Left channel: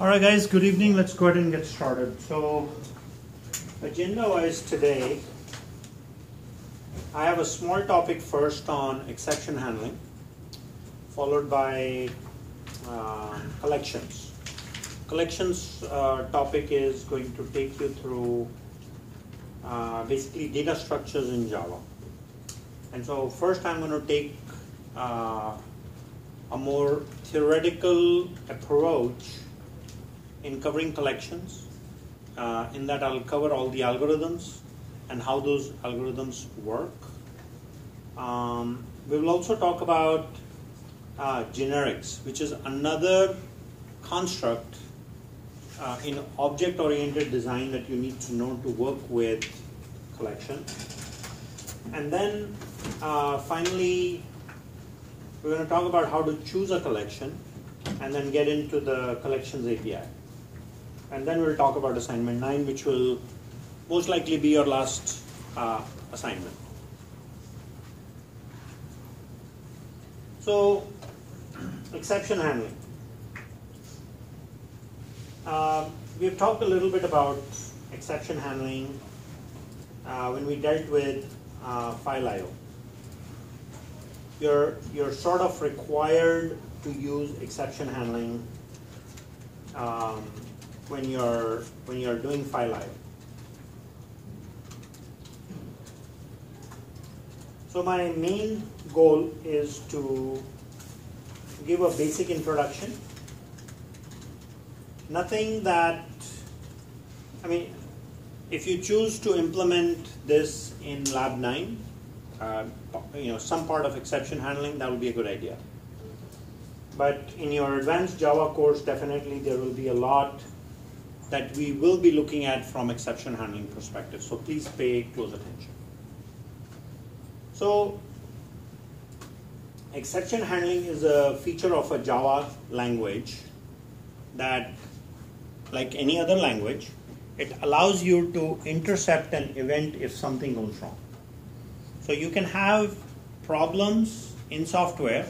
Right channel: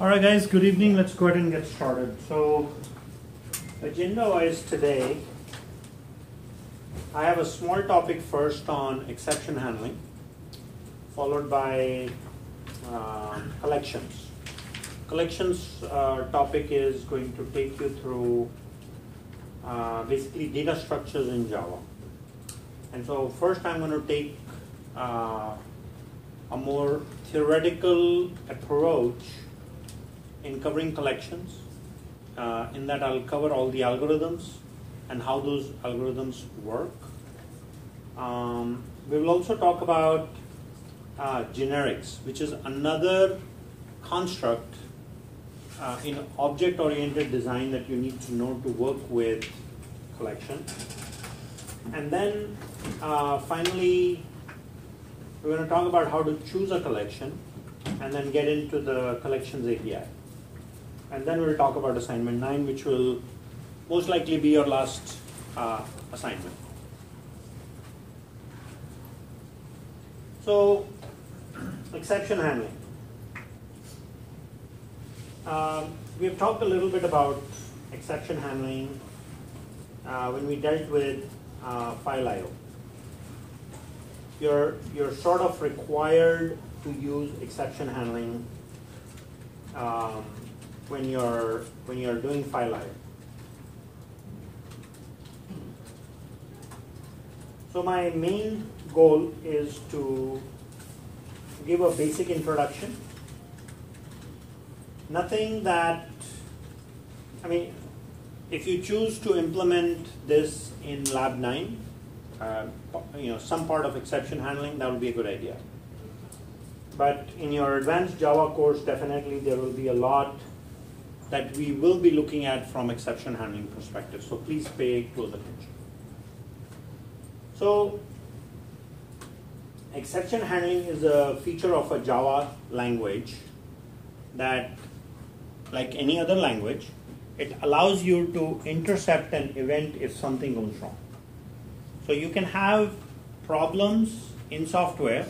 Alright guys, good evening. Let's go ahead and get started. So, agenda-wise today, I have a small topic first on exception handling, followed by collections. Collections topic is going to take you through basically data structures in Java. And so first I'm going to take a more theoretical approach in covering collections. In that I'll cover all the algorithms and how those algorithms work. We will also talk about generics, which is another construct in object-oriented design that you need to know to work with collection. And then finally, we're going to talk about how to choose a collection and then get into the collections API. And then we'll talk about assignment 9, which will most likely be your last assignment. So, exception handling. We've talked a little bit about exception handling when we dealt with file I/O. You're sort of required to use exception handling when you're doing file I/O. So my main goal is to give a basic introduction. Nothing that, if you choose to implement this in Lab 9, some part of exception handling, that would be a good idea. But in your advanced Java course, definitely there will be a lot that we will be looking at from exception handling perspective. So please pay close attention. So exception handling is a feature of a Java language that, like any other language, it allows you to intercept an event if something goes wrong. So you can have problems in software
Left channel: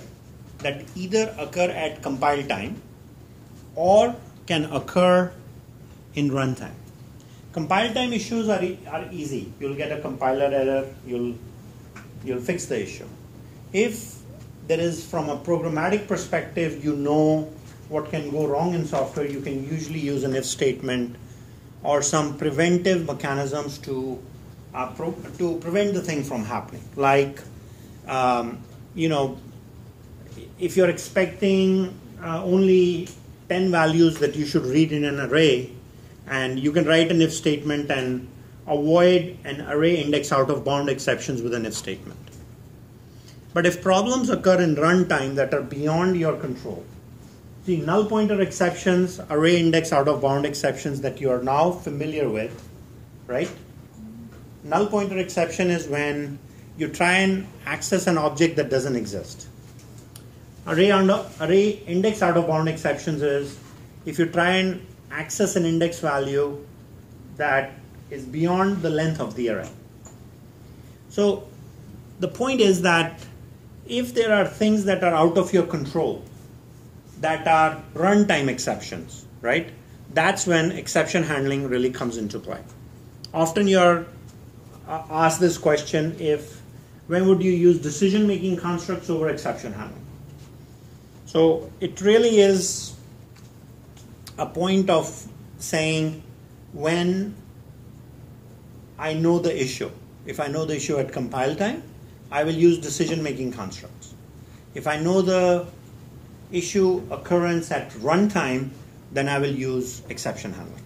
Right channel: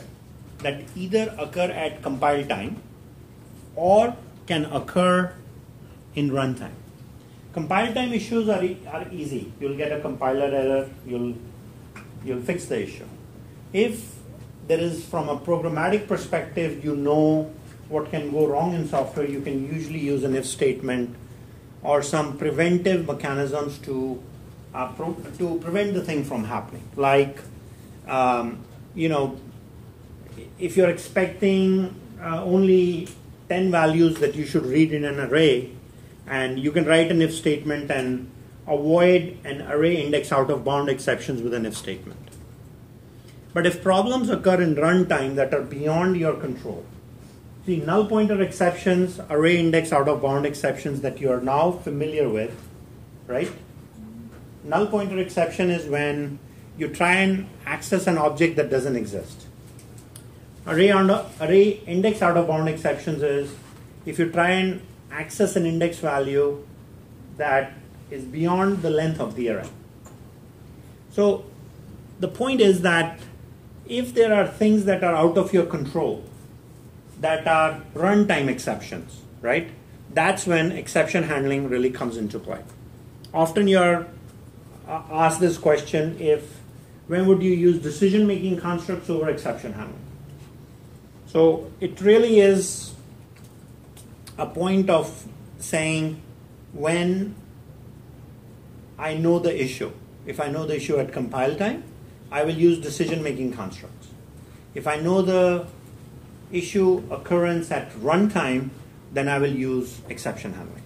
that either occur at compile time or can occur in runtime. Compile time issues are easy. You'll get a compiler error, you'll fix the issue. If there is, from a programmatic perspective, you know what can go wrong in software, you can usually use an if statement or some preventive mechanisms to prevent the thing from happening. Like, if you're expecting only 10 values that you should read in an array, and you can write an if statement and avoid an array index out of bound exceptions with an if statement. But if problems occur in runtime that are beyond your control, see, null pointer exceptions, array index out of bound exceptions that you are now familiar with, right? Null pointer exception is when you try and access an object that doesn't exist. Array index out of bound exceptions is if you try and access an index value that is beyond the length of the array. So the point is that if there are things that are out of your control, that are runtime exceptions, right? That's when exception handling really comes into play. Often you're asked this question: when would you use decision-making constructs over exception handling? So it really is a point of saying, when I know the issue, if I know the issue at compile time, I will use decision-making constructs. If I know the issue occurrence at runtime, then I will use exception handling.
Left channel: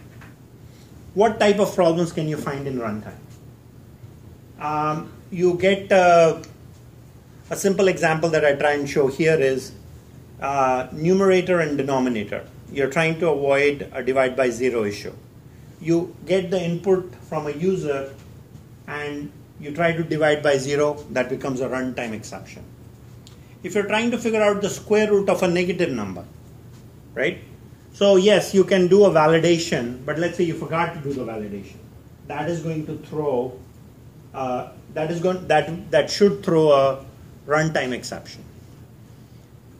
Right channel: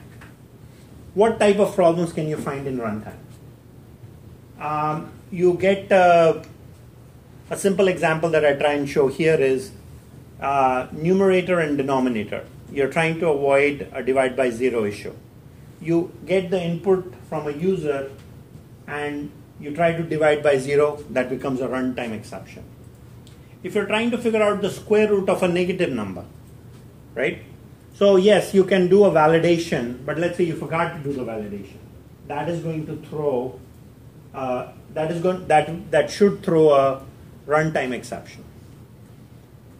What type of problems can you find in runtime? You get a simple example that I try and show here is numerator and denominator. You're trying to avoid a divide by zero issue. You get the input from a user and you try to divide by zero, that becomes a runtime exception. If you're trying to figure out the square root of a negative number, right? So yes, you can do a validation, but let's say you forgot to do the validation. That is going to throw, that should throw a runtime exception.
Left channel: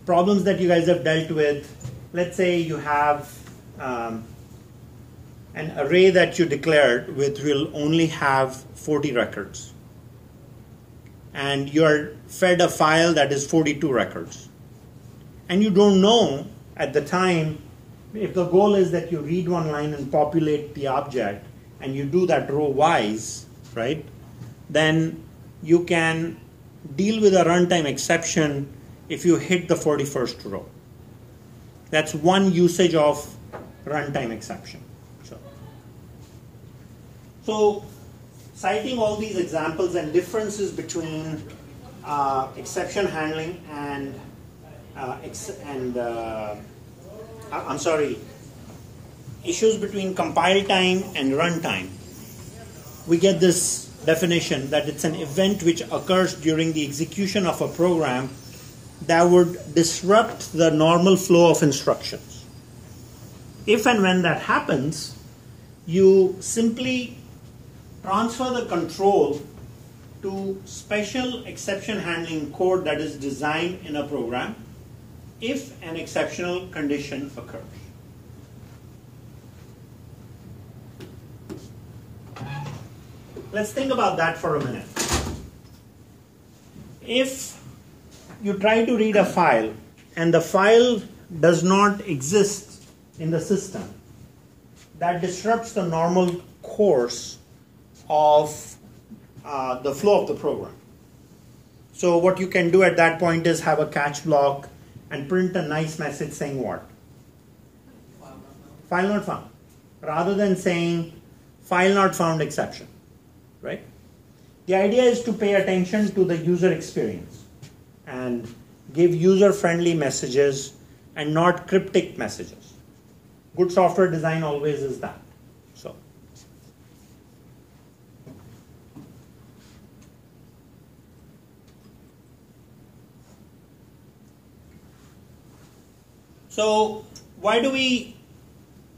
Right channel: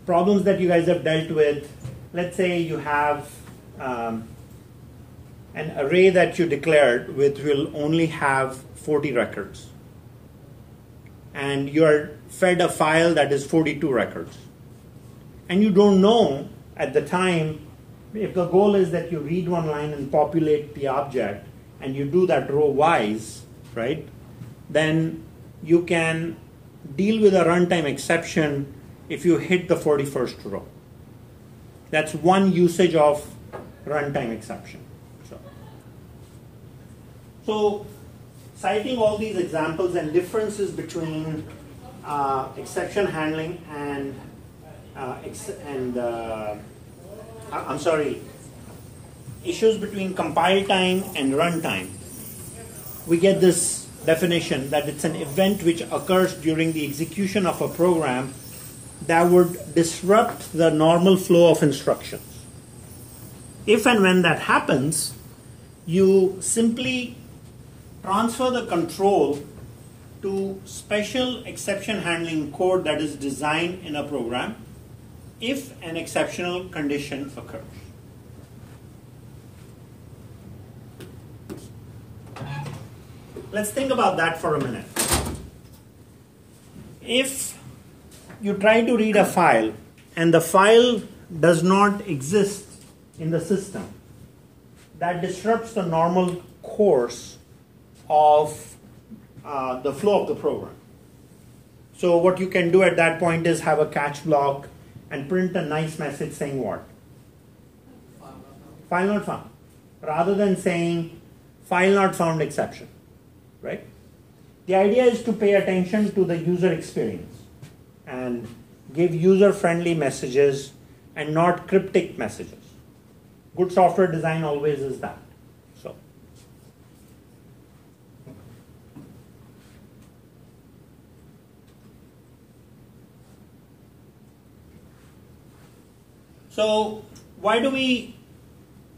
Problems that you guys have dealt with, let's say you have an array that you declared which will only have 40 records, and you're fed a file that is 42 records, and you don't know at the time if the goal is that you read one line and populate the object, and you do that row wise, right? Then you can deal with a runtime exception if you hit the 41st row. That's one usage of runtime exception. So citing all these examples and differences between exception handling and issues between compile time and runtime, we get this definition that it's an event which occurs during the execution of a program that would disrupt the normal flow of instructions. If and when that happens, you simply transfer the control to special exception handling code that is designed in a program if an exceptional condition occurs. Let's think about that for a minute. If you try to read a file and the file does not exist in the system, that disrupts the normal course of the flow of the program. So what you can do at that point is have a catch block and print a nice message saying what? File not found. Rather than saying file not found exception, right? The idea is to pay attention to the user experience and give user-friendly messages and not cryptic messages. Good software design always is that. So why do we,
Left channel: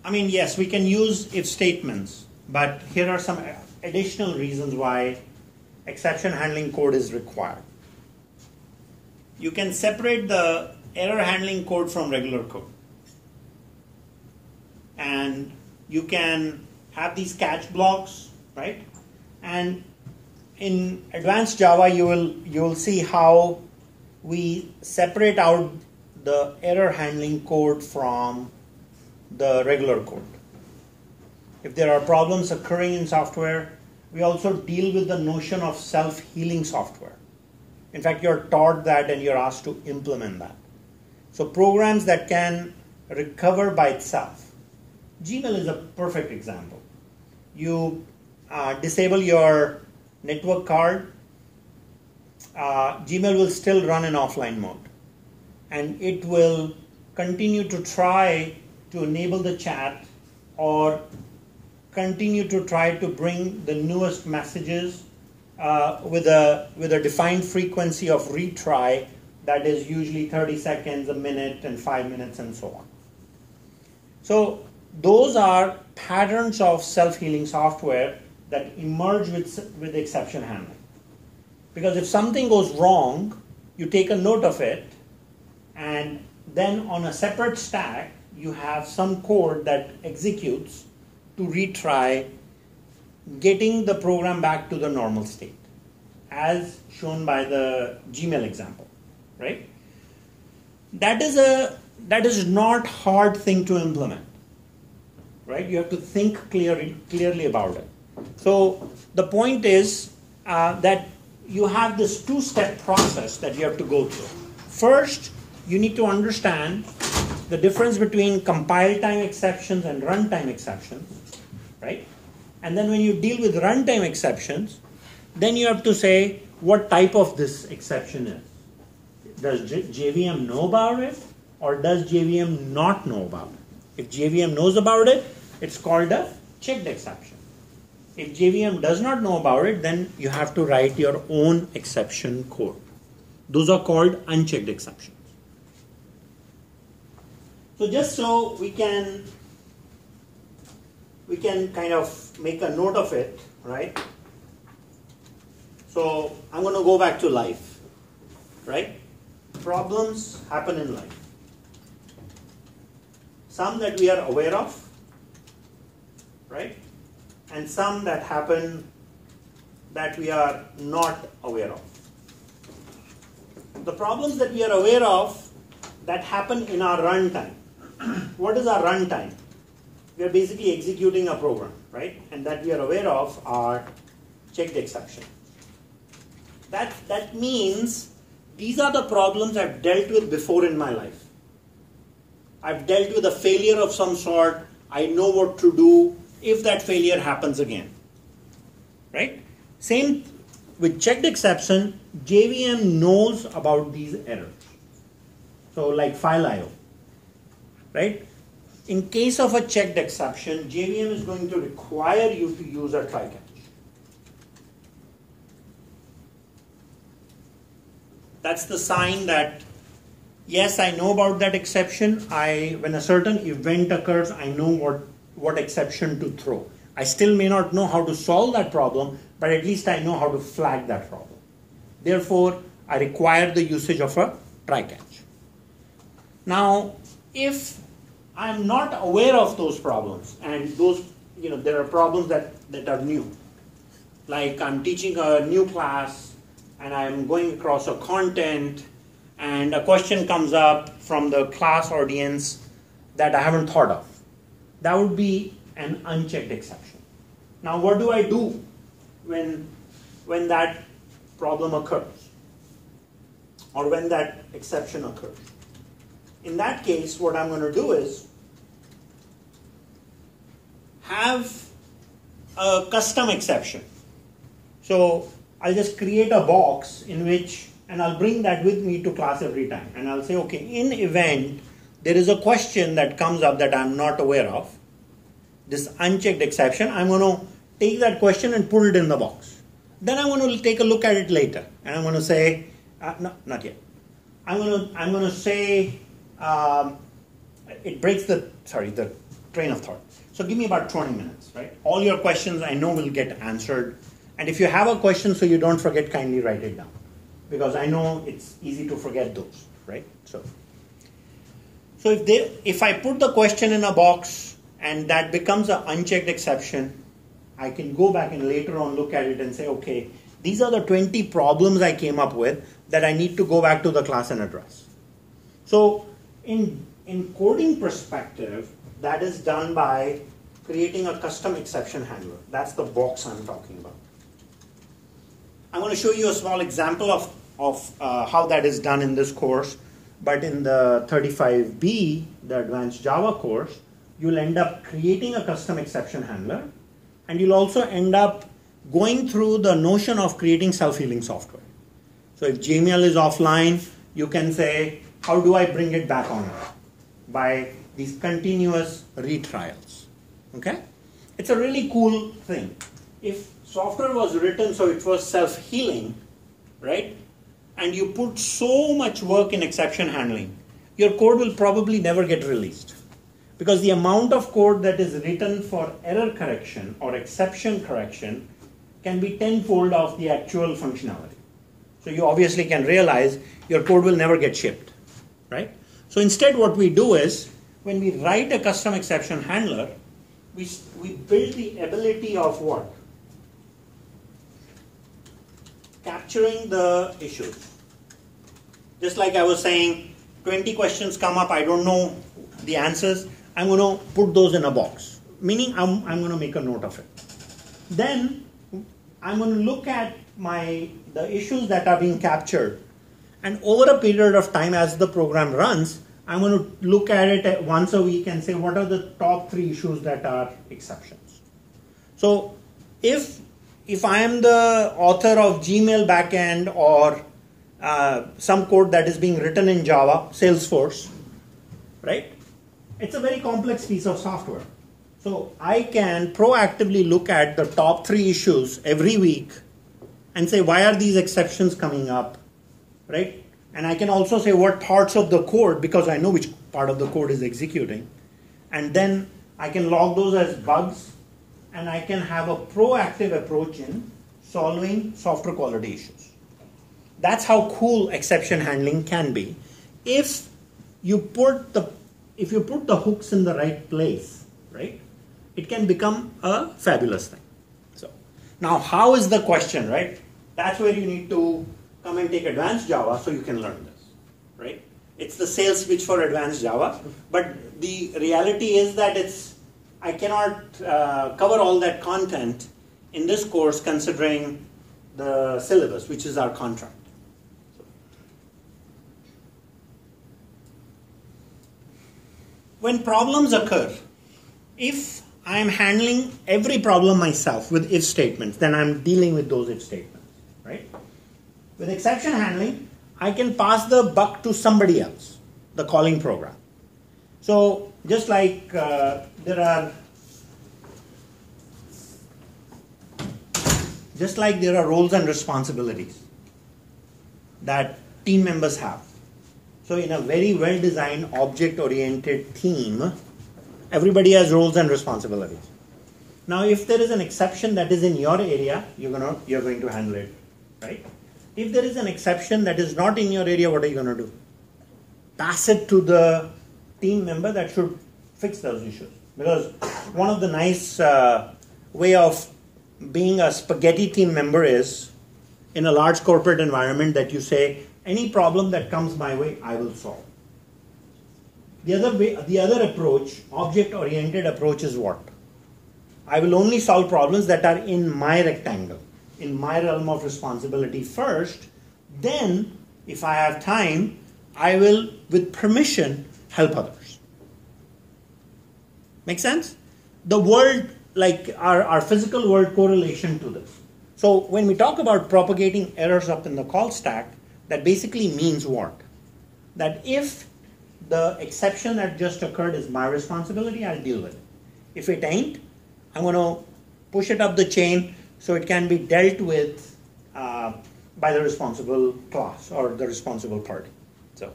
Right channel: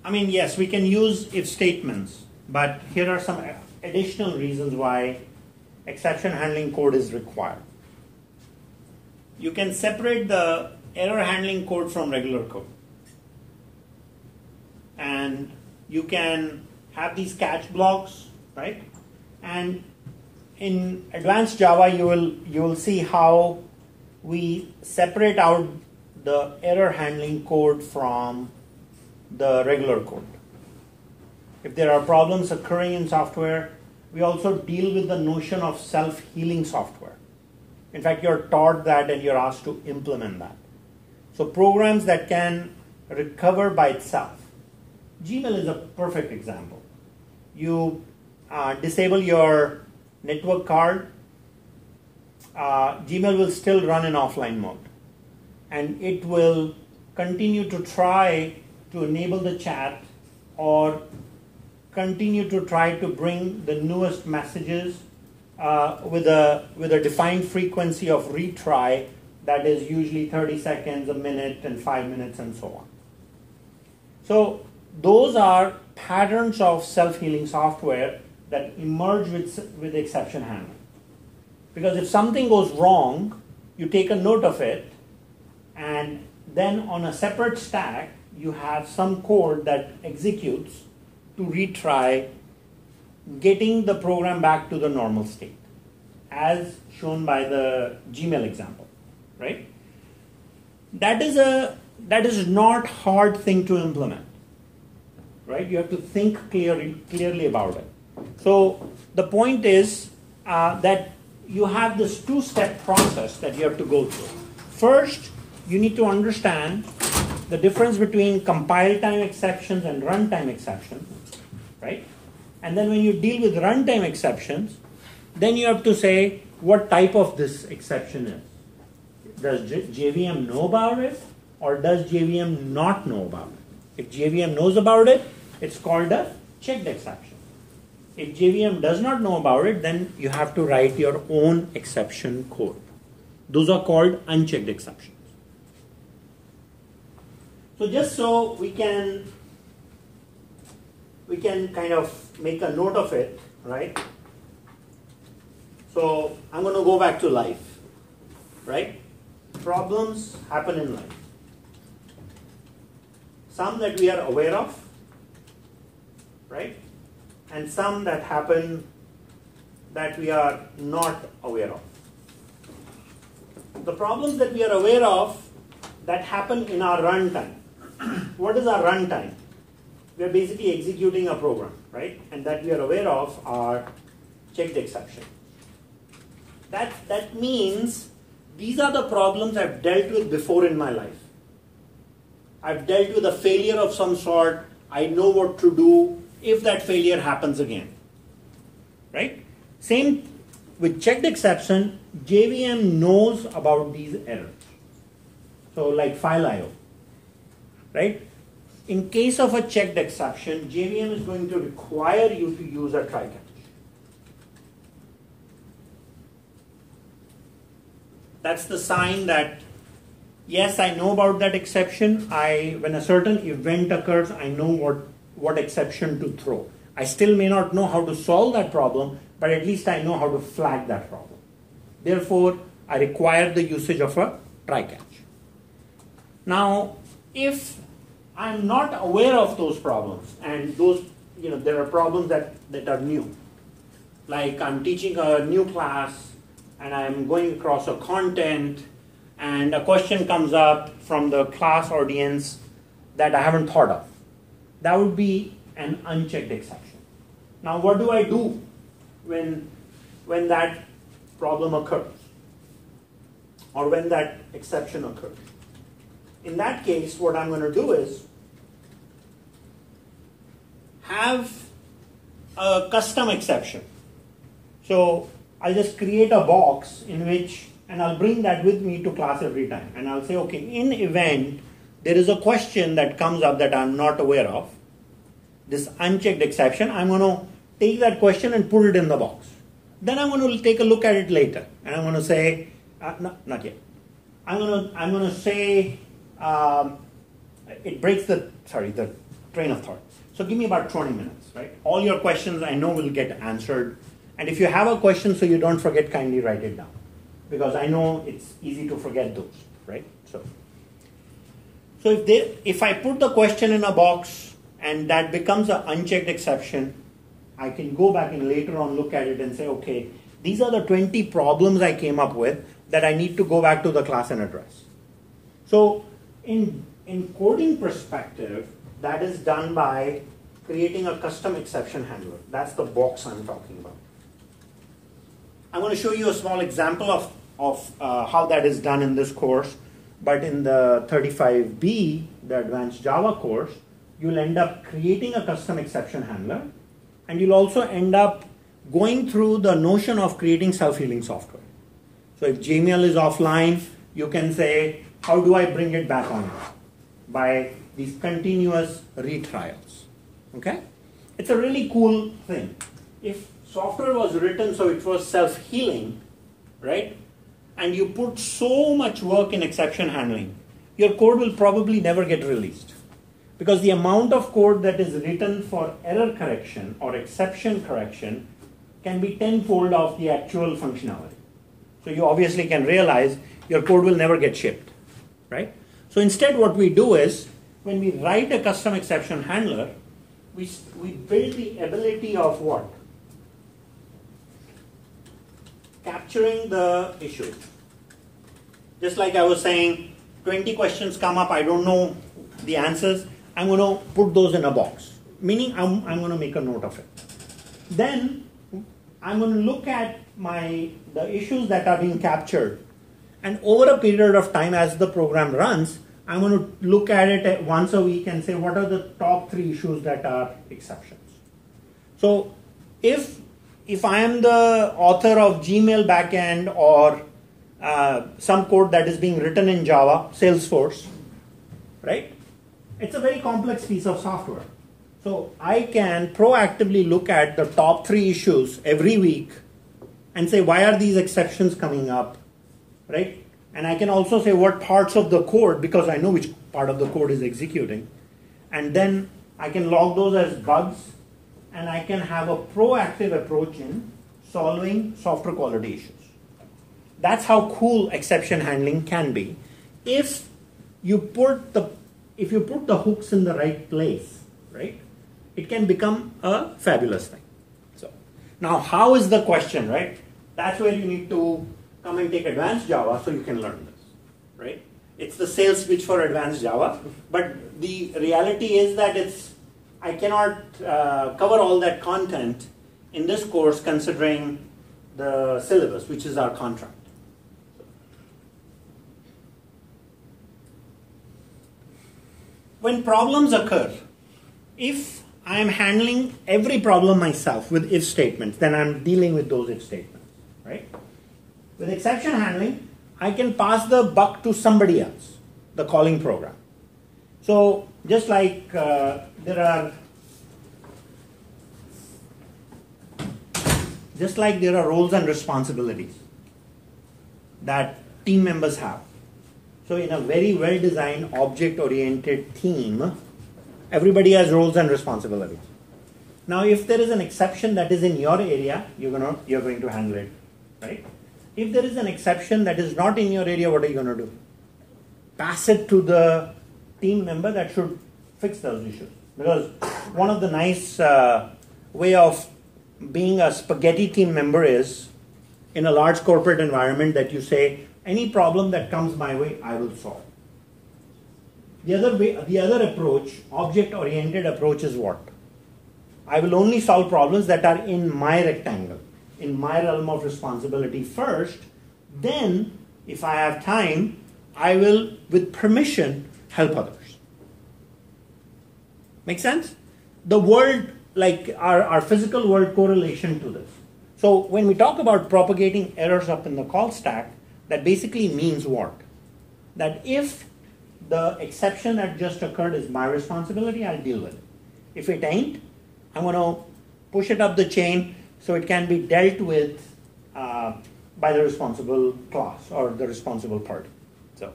yes, we can use if statements, but here are some additional reasons why exception handling code is required. You can separate the error handling code from regular code. And you can have these catch blocks, right? And in advanced Java, you will see how we separate out the error handling code from the regular code. If there are problems occurring in software, we also deal with the notion of self-healing software. In fact, you're taught that and you're asked to implement that. So programs that can recover by itself. Gmail is a perfect example. You disable your network card, Gmail will still run in offline mode. And it will continue to try to enable the chat or continue to try to bring the newest messages with a defined frequency of retry that is usually 30 seconds, a minute, and 5 minutes, and so on. So those are patterns of self-healing software that emerge with exception handling. Because if something goes wrong, you take a note of it, and then on a separate stack, you have some code that executes to retry, getting the program back to the normal state, as shown by the Gmail example, right? That is not hard thing to implement, right? You have to think clearly about it. So the point is that you have this two-step process that you have to go through. First, you need to understand the difference between compile time exceptions and runtime exceptions, right? And then when you deal with runtime exceptions, then you have to say what type of this exception is. Does JVM know about it, or does JVM not know about it? If JVM knows about it, it's called a checked exception. If JVM does not know about it, then you have to write your own exception code. Those are called unchecked exceptions. So just so we can kind of make a note of it, right? So I'm going to go back to life, right? Problems happen in life. some that we are aware of, right? And some that happen that we are not aware of. The problems that we are aware of that happen in our runtime. What is our runtime? We are basically executing a program, right? And that we are aware of are checked exception. That means these are the problems I've dealt with before in my life. I've dealt with a failure of some sort. I know what to do if that failure happens again, right? Same with checked exception, JVM knows about these errors. So like file IO, right? In case of a checked exception, JVM is going to require you to use a try catch. That's the sign that, yes, I know about that exception. When a certain event occurs, I know what exception to throw. I still may not know how to solve that problem, but at least I know how to flag that problem. Therefore, I require the usage of a try catch. Now, if I'm not aware of those problems, and those, there are problems that are new, like I'm teaching a new class, and I'm going across a content, and a question comes up from the class audience that I haven't thought of. That would be an unchecked exception. Now, what do I do when that problem occurs, or when that exception occurs? In that case, what I'm going to do is have a custom exception. So I'll just create a box in which, and I'll bring that with me to class every time. And I'll say, okay, in event, there is a question that comes up that I'm not aware of, this unchecked exception, I'm going to take that question and put it in the box. Then I'm going to take a look at it later. And I'm going to say, no, not yet. I'm going to say, it breaks the train of thought. So give me about 20 minutes, right? All your questions I know will get answered. And if you have a question so you don't forget, kindly write it down. Because I know it's easy to forget those, right? So if I put the question in a box and that becomes an unchecked exception, I can go back and later on look at it and say, okay, these are the 20 problems I came up with that I need to go back to the class and address. So in coding perspective, that is done by creating a custom exception handler. That's the box I'm talking about. I want to show you a small example of how that is done in this course. But in the 35B, the Advanced Java course, you'll end up creating a custom exception handler. And you'll also end up going through the notion of creating self-healing software. So if Gmail is offline, you can say, how do I bring it back on? By these continuous retrials. Okay? It's a really cool thing. If software was written so it was self-healing, right? And you put so much work in exception handling, your code will probably never get released. Because the amount of code that is written for error correction or exception correction can be tenfold of the actual functionality. So you obviously can realize your code will never get shipped, right? So instead what we do is, when we write a custom exception handler, we build the ability of what? Capturing the issues. Just like I was saying, 20 questions come up, I don't know the answers, I'm going to put those in a box, meaning I'm going to make a note of it. Then I'm going to look at the issues that are being captured, and over a period of time as the program runs, I'm going to look at it once a week and say what are the top 3 issues that are exceptions. So if I am the author of Gmail backend or some code that is being written in Java, Salesforce, right? It's a very complex piece of software. So I can proactively look at the top 3 issues every week and say, why are these exceptions coming up, right? And I can also say what parts of the code, because I know which part of the code is executing. And then I can log those as bugs, and I can have a proactive approach in solving software quality issues. That's how cool exception handling can be if you put the if you put the hooks in the right place, right, it can become a fabulous thing. So now how is the question, right? That's where you need to come and take advanced Java so you can learn this, right? It's the sales pitch for advanced Java, but the reality is that I cannot cover all that content in this course considering the syllabus, which is our contract. When problems occur, if I am handling every problem myself with if statements, then I'm dealing with those if statements, right? With exception handling, I can pass the buck to somebody else, the calling program. So just like there are roles and responsibilities that team members have. So in a very well-designed, object-oriented team, everybody has roles and responsibilities. Now, if there is an exception that is in your area, you're going to handle it, right? If there is an exception that is not in your area, what are you going to do? Pass it to the team member that should fix those issues. Because one of the nice way of being a spaghetti team member is, in a large corporate environment, that you say, any problem that comes my way, I will solve. The other approach, object-oriented approach, is what? I will only solve problems that are in my rectangle, in my realm of responsibility first. Then, if I have time, I will, with permission, help others. Make sense? The world, like our physical world correlation to this. So when we talk about propagating errors up in the call stack, that basically means what? That if the exception that just occurred is my responsibility, I'll deal with it. If it ain't, I'm going to push it up the chain so it can be dealt with by the responsible class or the responsible party. So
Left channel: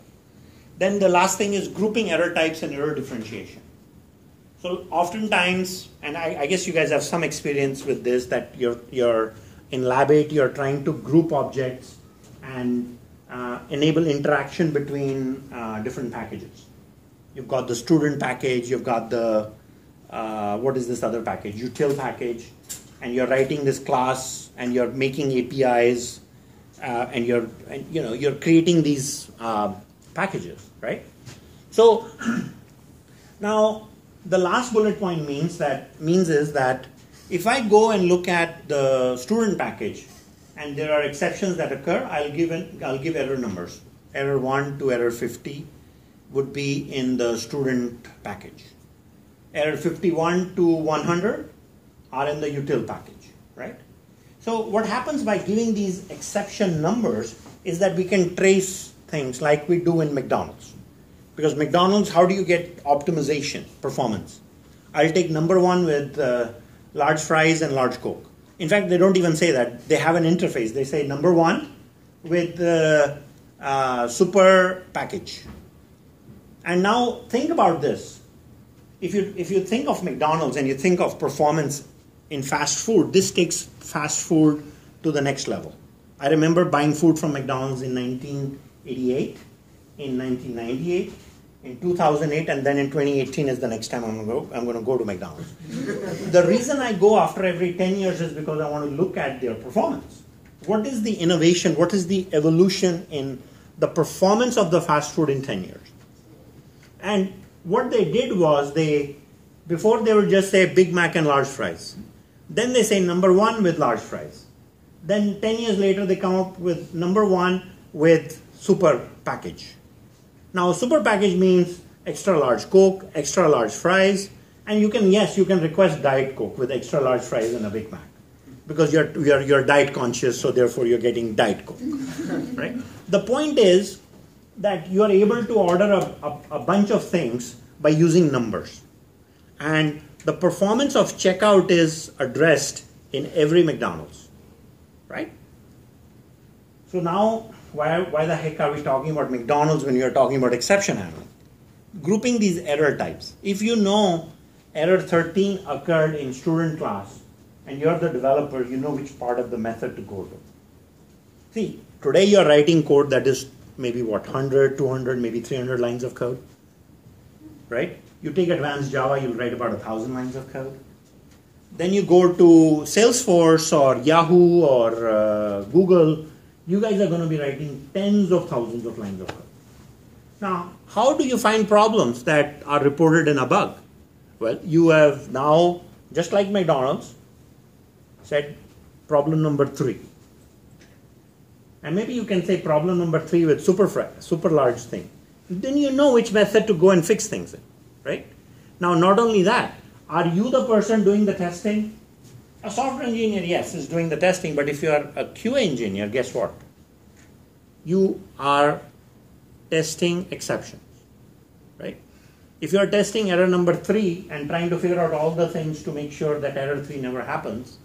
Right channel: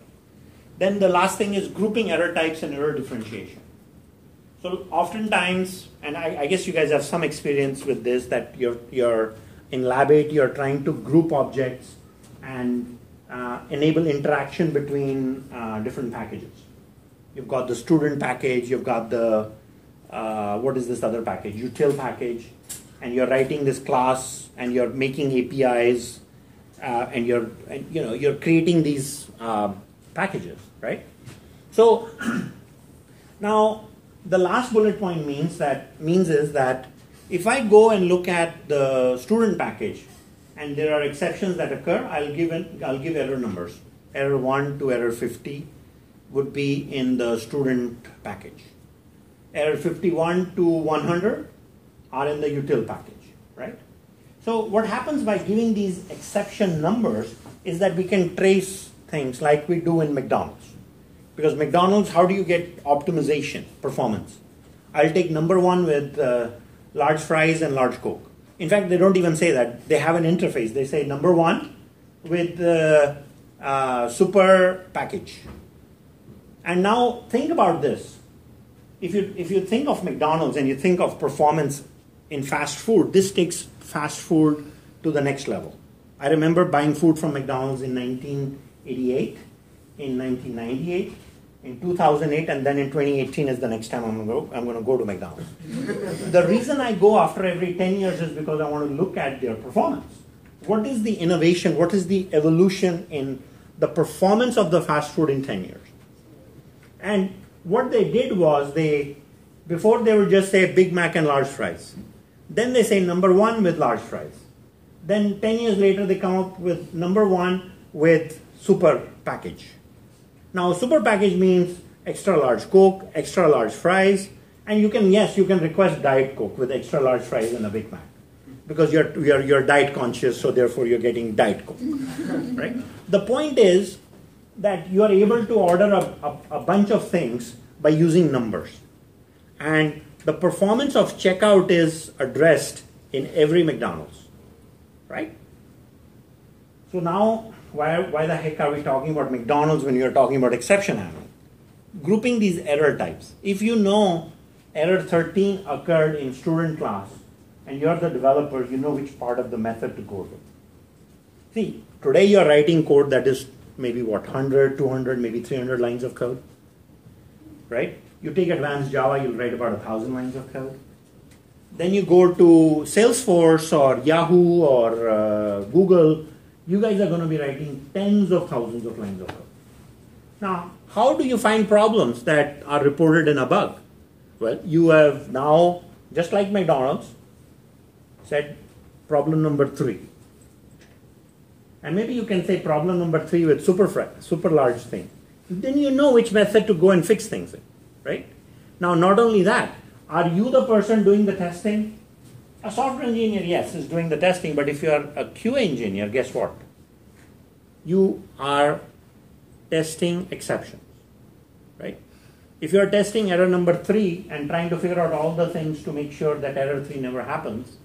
then the last thing is grouping error types and error differentiation. So oftentimes, and I guess you guys have some experience with this, that you're in Lab 8, you're trying to group objects and enable interaction between different packages. You've got the student package, you've got the, what is this other package? Util package, and you're writing this class and you're making APIs and you're creating these packages, right? So now the last bullet point means is that if I go and look at the student package and there are exceptions that occur, I'll give error numbers. Error 1 to error 50 would be in the student package. Error 51 to 100 are in the util package, right? So what happens by giving these exception numbers is that we can trace things like we do in McDonald's. Because McDonald's, how do you get optimization, performance? I'll take number 1 with large fries and large Coke. In fact, they don't even say that. They have an interface. They say number 1 with super package. And now think about this. If you think of McDonald's and you think of performance in fast food, this takes fast food to the next level. I remember buying food from McDonald's in 1988, in 1998, in 2008, and then in 2018 is the next time I'm going to go to McDonald's. The reason I go after every 10 years is because I want to look at their performance. What is the innovation? What is the evolution in the performance of the fast food in 10 years? And what they did was before they would just say Big Mac and large fries. Then they say number 1 with large fries. Then 10 years later they come up with number 1 with super package. Now super package means extra large Coke, extra large fries, and you can request Diet Coke with extra large fries and a Big Mac. Because you're diet conscious, so therefore you're getting Diet Coke. Right? The point is that you are able to order a bunch of things by using numbers. And the performance of checkout is addressed in every McDonald's. Right? So now, why the heck are we talking about McDonald's when you're talking about exception handling? Grouping these error types. If you know error 13 occurred in student class and you're the developer, you know which part of the method to go to. See, today you're writing code that is maybe 100, 200, maybe 300 lines of code. right? You take advanced Java, you'll write about 1,000 lines of code. Then you go to Salesforce or Yahoo or Google, you guys are going to be writing tens of thousands of lines of code. Now, how do you find problems that are reported in a bug? Well, you have now, just like McDonald's, said problem number 3. And maybe you can say problem number 3 with super large thing. Then you know which method to go and fix things in, right? Now, not only that, are you the person doing the testing? A software engineer, yes, is doing the testing, but if you are a QA engineer, guess what? You are testing exceptions, right? If you are testing error number 3 and trying to figure out all the things to make sure that error 3 never happens,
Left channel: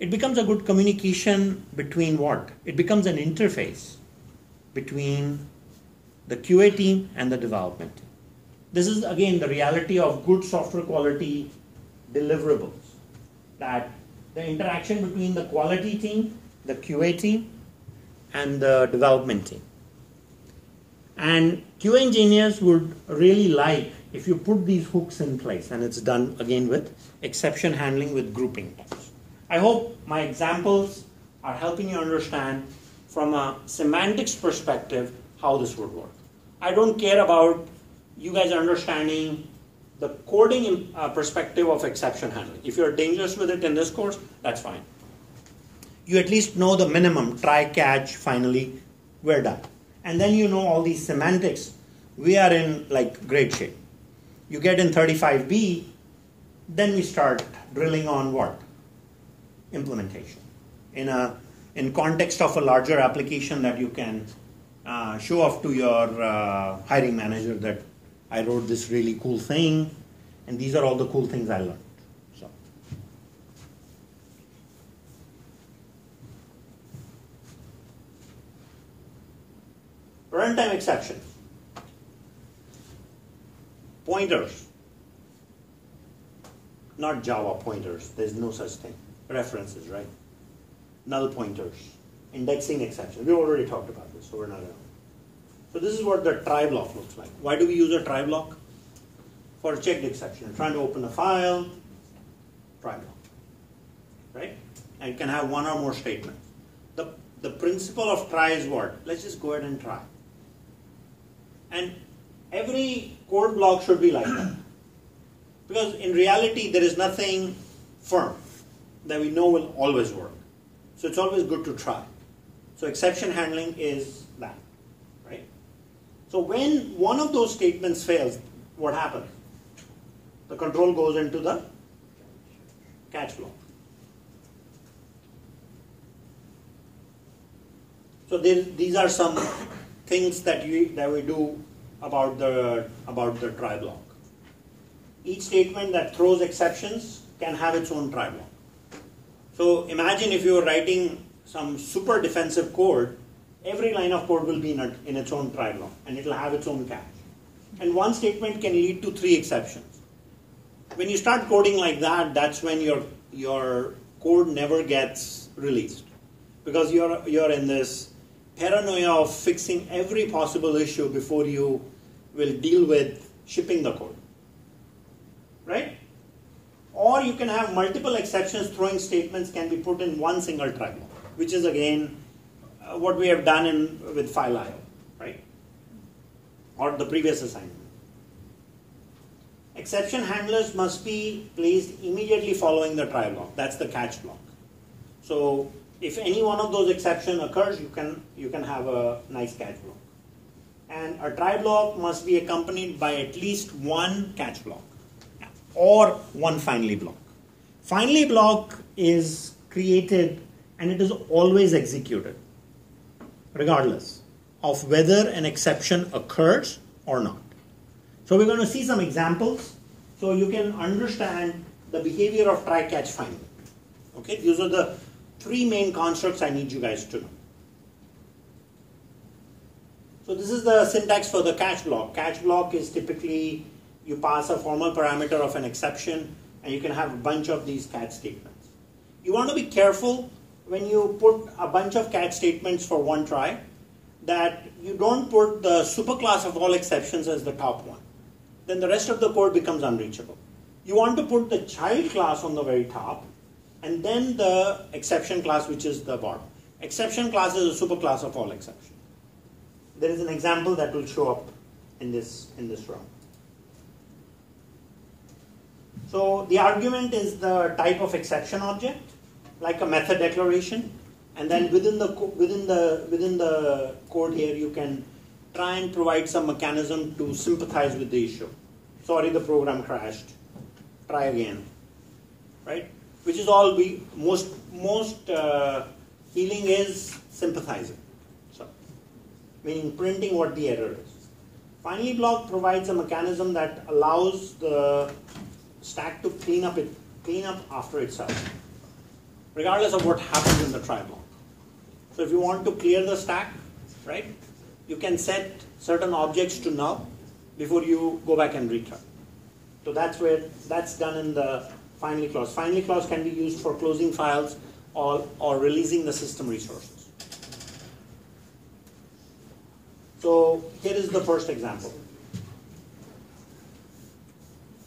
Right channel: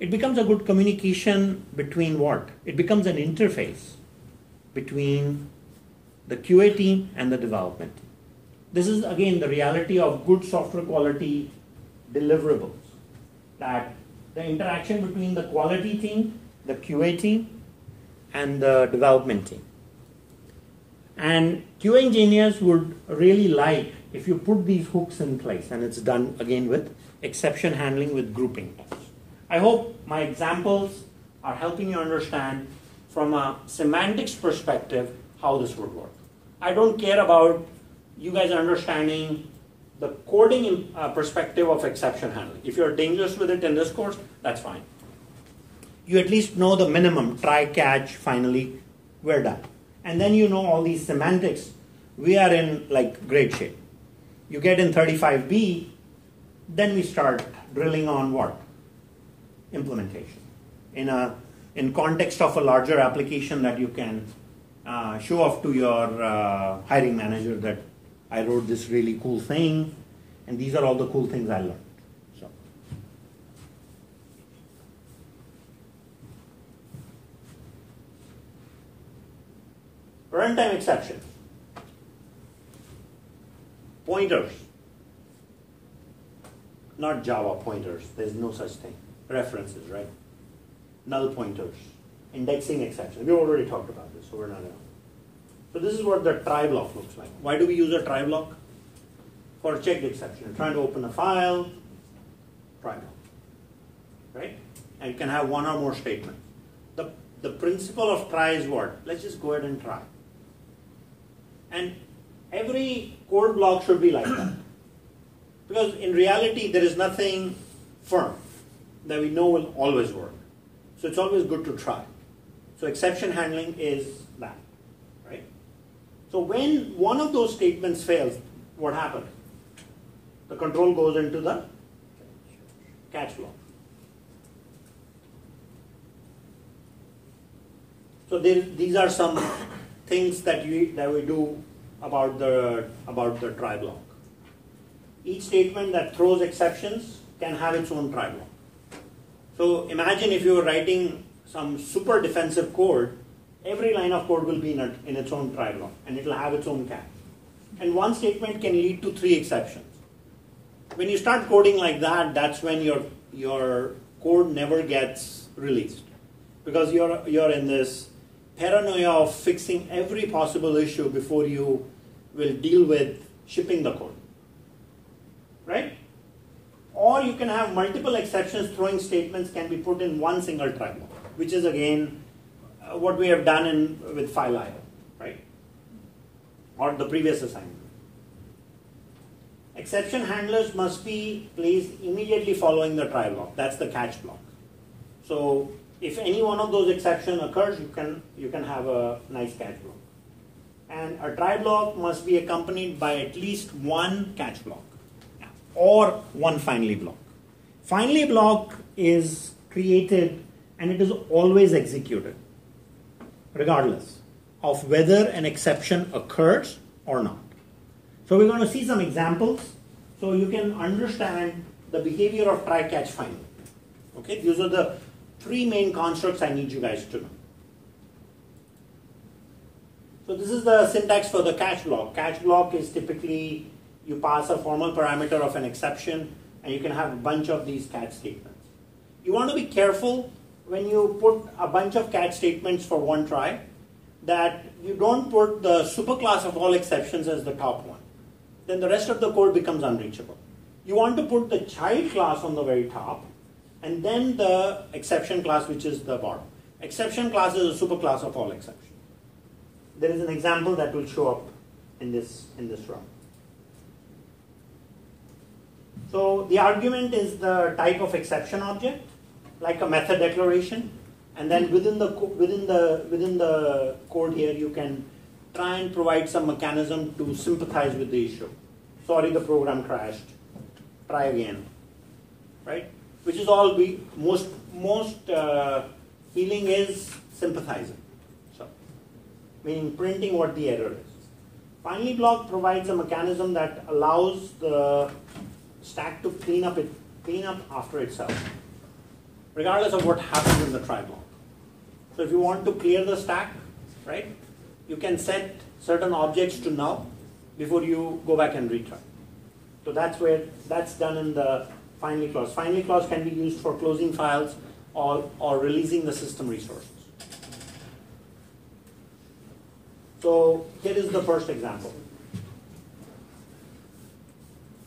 it becomes a good communication between what? It becomes an interface between the QA team and the development team. This is again the reality of good software quality deliverables, that the interaction between the quality team, the QA team, and the development team. And QA engineers would really like if you put these hooks in place, and it's done again with exception handling with grouping types. I hope my examples are helping you understand from a semantics perspective how this would work. I don't care about you guys understanding the coding perspective of exception handling. If you're dangerous with it in this course, that's fine. You at least know the minimum, try, catch, finally, we're done. And then you know all these semantics. We are in like great shape. You get in 35B, then we start drilling on what? Implementation. In context of a larger application that you can show off to your hiring manager that I wrote this really cool thing, and these are all the cool things I learned. So, runtime exceptions. Pointers. Not Java pointers. There's no such thing. References, right? Null pointers. Indexing exceptions. We already talked about this, so we're not going to. So this is what the try block looks like. Why do we use a try block? For a checked exception. You're trying to open a file, try block. Right? And it can have one or more statements. The principle of try is what? Let's just go ahead and try. And every code block should be like that. Because in reality, there is nothing firm that we know will always work. So it's always good to try. So exception handling is that. Right? So when one of those statements fails, what happens? The control goes into the catch block. So these are some things that we do about the try block. Each statement that throws exceptions can have its own try block. So imagine if you were writing some super defensive code, every line of code will be in its own try block, and it will have its own catch. And one statement can lead to 3 exceptions. When you start coding like that, that's when your code never gets released, because you're in this paranoia of fixing every possible issue before you will deal with shipping the code, right? Or you can have multiple exceptions. Throwing statements can be put in one single try block, which is again what we have done with file IO, right? Or the previous assignment. Exception handlers must be placed immediately following the try block. That's the catch block. So if any one of those exceptions occurs, you can have a nice catch block. And a try block must be accompanied by at least one catch block or one finally block. Finally block is created and it is always executed, regardless of whether an exception occurs or not. So we're going to see some examples so you can understand the behavior of try, catch, finally. Okay, these are the 3 main constructs I need you guys to know. So this is the syntax for the catch block. Catch block is typically you pass a formal parameter of an exception and you can have a bunch of these catch statements. You want to be careful when you put a bunch of catch statements for one try that you don't put the superclass of all exceptions as the top one. then the rest of the code becomes unreachable. You want to put the child class on the very top, and then the exception class, which is the bottom. Exception class is a superclass of all exceptions. There is an example that will show up in this row. So the argument is the type of exception object, like a method declaration, and then within the code here you can try and provide some mechanism to sympathize with the issue. Sorry, the program crashed. Try again, right? Which is all most healing is sympathizing. So, meaning printing what the error is. Finally block provides a mechanism that allows the stack to clean up after itself, regardless of what happens in the try block. So if you want to clear the stack, right, you can set certain objects to null before you go back and retry. So that's done in the finally clause. Finally clause can be used for closing files or releasing the system resources. So here is the first example.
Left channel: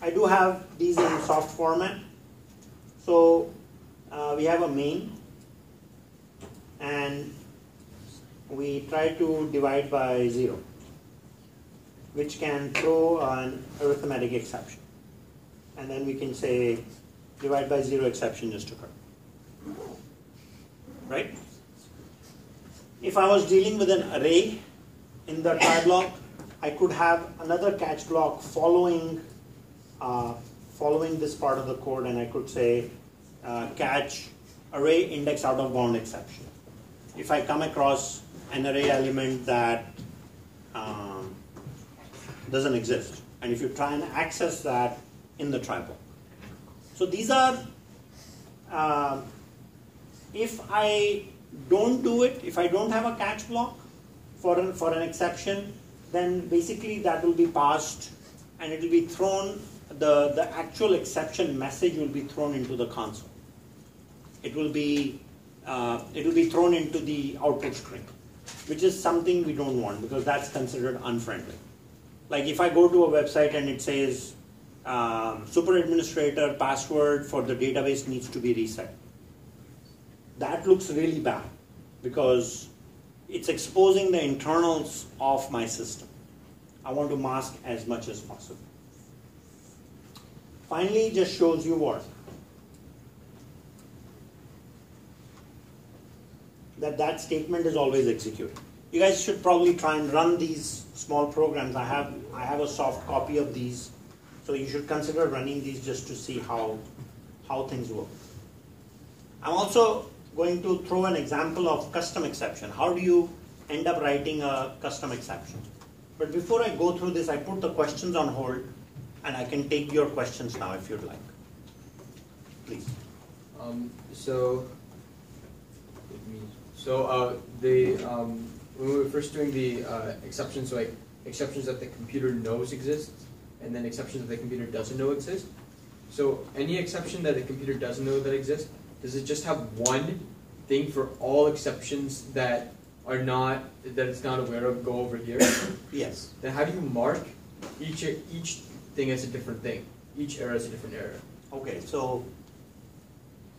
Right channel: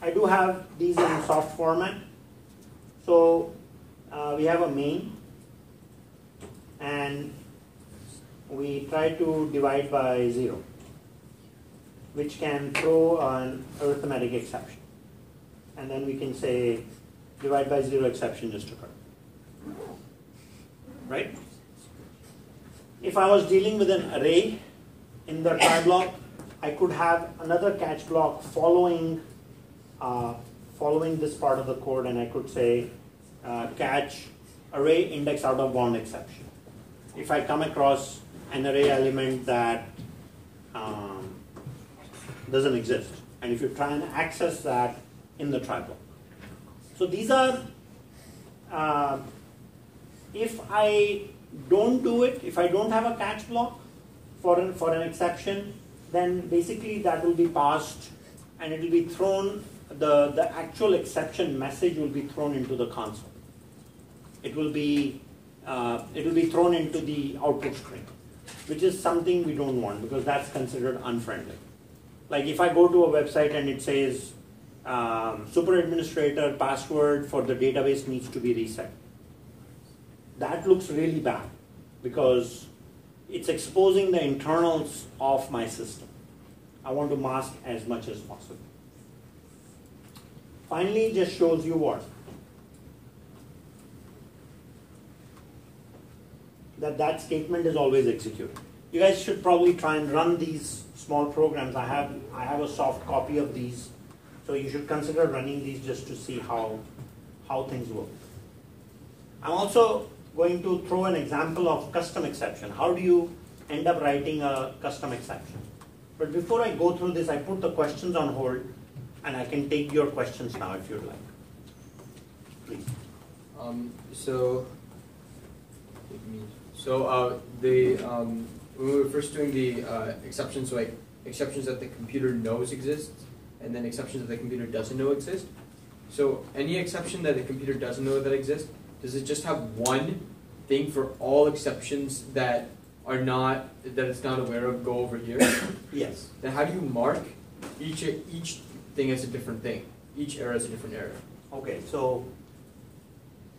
I do have these in soft format. So we have a main, and we try to divide by 0, which can throw an arithmetic exception. And then we can say divide by 0 exception just occurred. Right? If I was dealing with an array in the try block, I could have another catch block following this part of the code, and I could say catch array index out of bound exception. If I come across an array element that doesn't exist, and if you try and access that in the try block. So these are, if I don't do it, if I don't have a catch block for an exception, then basically that will be passed, and it will be thrown, the actual exception message will be thrown into the console. It will be thrown into the output string, which is something we don't want because that's considered unfriendly. Like if I go to a website and it says super administrator password for the database needs to be reset, that looks really bad because it's exposing the internals of my system. I want to mask as much as possible. Finally, it just shows you what? That statement is always executed. You guys should probably try and run these small programs. I have a soft copy of these, so you should consider running these just to see how things work. I'm also going to throw an example of custom exception. How do you end up writing a custom exception? But before I go through this, I put the questions on hold, and I can take your questions now if you'd like. Please. When we were first doing the exceptions, so like exceptions that the computer knows exist, and then exceptions that the computer doesn't know exist. So any exception that the computer doesn't know that exists, does it just have one thing for all exceptions that it's not aware of go over here? Yes. Then how do you mark each thing as a different thing? Each error is a different error. Okay, so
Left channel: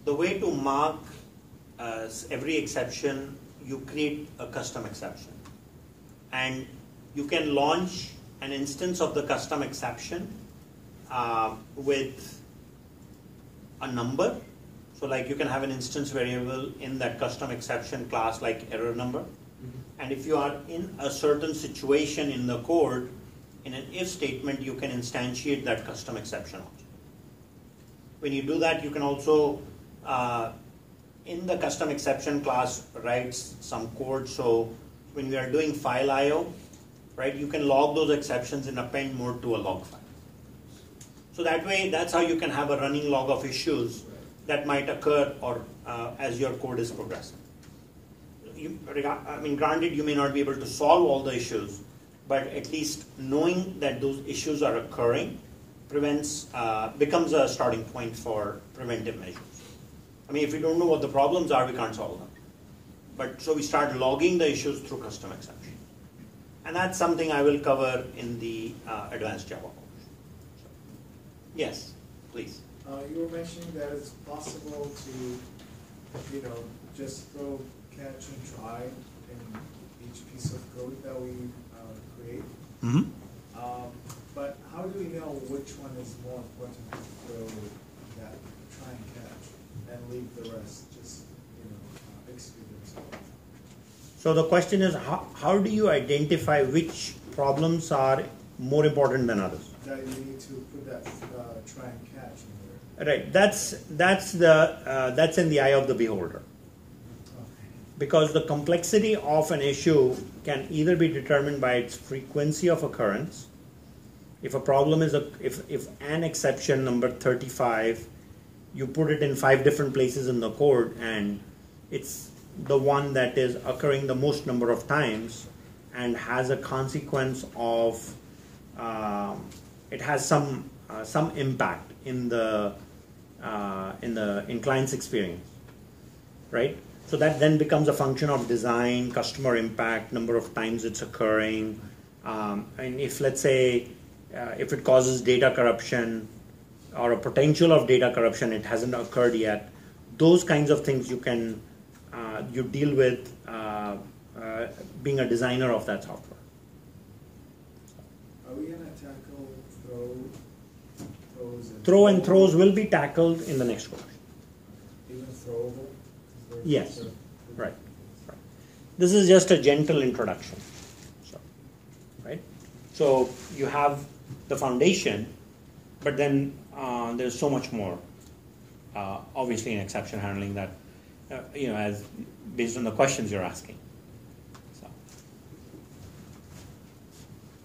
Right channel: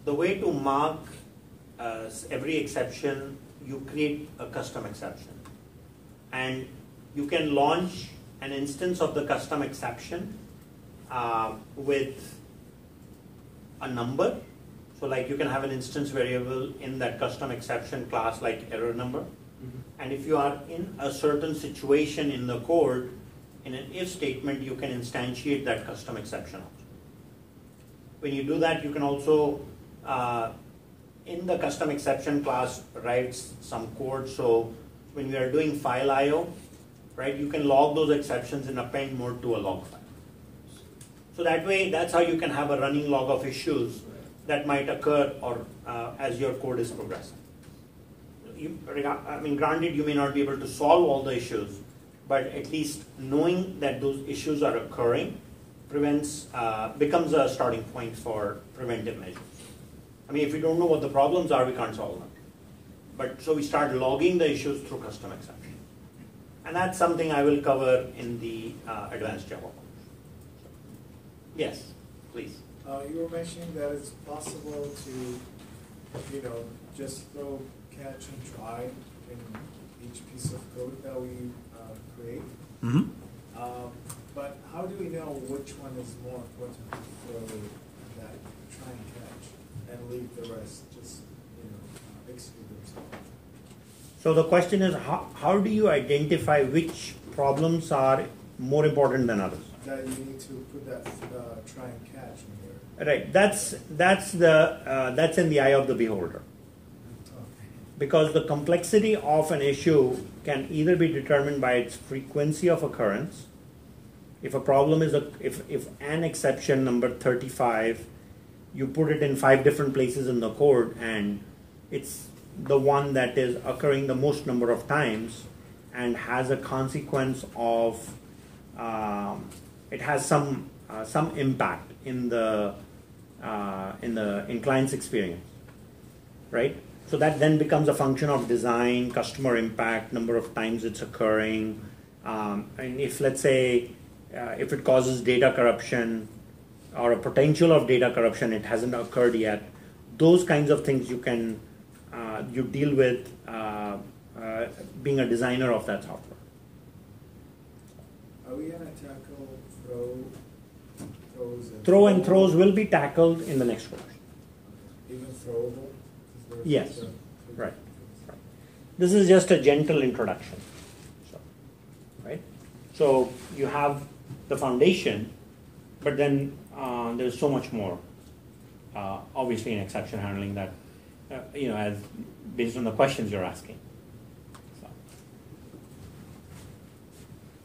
the way to mark every exception, you create a custom exception. And you can launch an instance of the custom exception with a number. So like you can have an instance variable in that custom exception class like error number. Mm-hmm. And if you are in a certain situation in the code, in an if statement, you can instantiate that custom exception also. When you do that, you can also, in the custom exception class, write some code. So when we are doing file I/O, right, you can log those exceptions in append mode to a log file. So that way, that's how you can have a running log of issues that might occur or as your code is progressing. Granted, you may not be able to solve all the issues, but at least knowing that those issues are occurring becomes a starting point for preventive measures. If you don't know what the problems are, we can't solve them. But so we start logging the issues through custom exception. And that's something I will cover in the advanced Java course. Yes, please. You were mentioning that it's possible to, just throw catch and try in each piece of code that we create. Mm-hmm. But how do we know which one is more important to throw that try and catch and leave the rest just, execute themselves? So the question is, how do you identify which problems are more important than others? That you need to put that try and catch in there. Right. That's in the eye of the beholder. Because the complexity of an issue can either be determined by its frequency of occurrence. If a problem is if an exception number 35, you put it in 5 different places in the code and it's the one that is occurring the most number of times and has a consequence of it has some impact in the client's experience, right? So that then becomes a function of design, customer impact, number of times it's occurring, and if, let's say, if it causes data corruption or a potential of data corruption, it hasn't occurred yet. Those kinds of things you can you deal with being a designer of that software. Are we going to tackle throws? Throw and throws will be tackled in the next course. Even throwable? Yes, right. This is just a gentle introduction. Right? So you have the foundation, but then there's so much more. Obviously, in exception handling that, as based on the questions you're asking. So.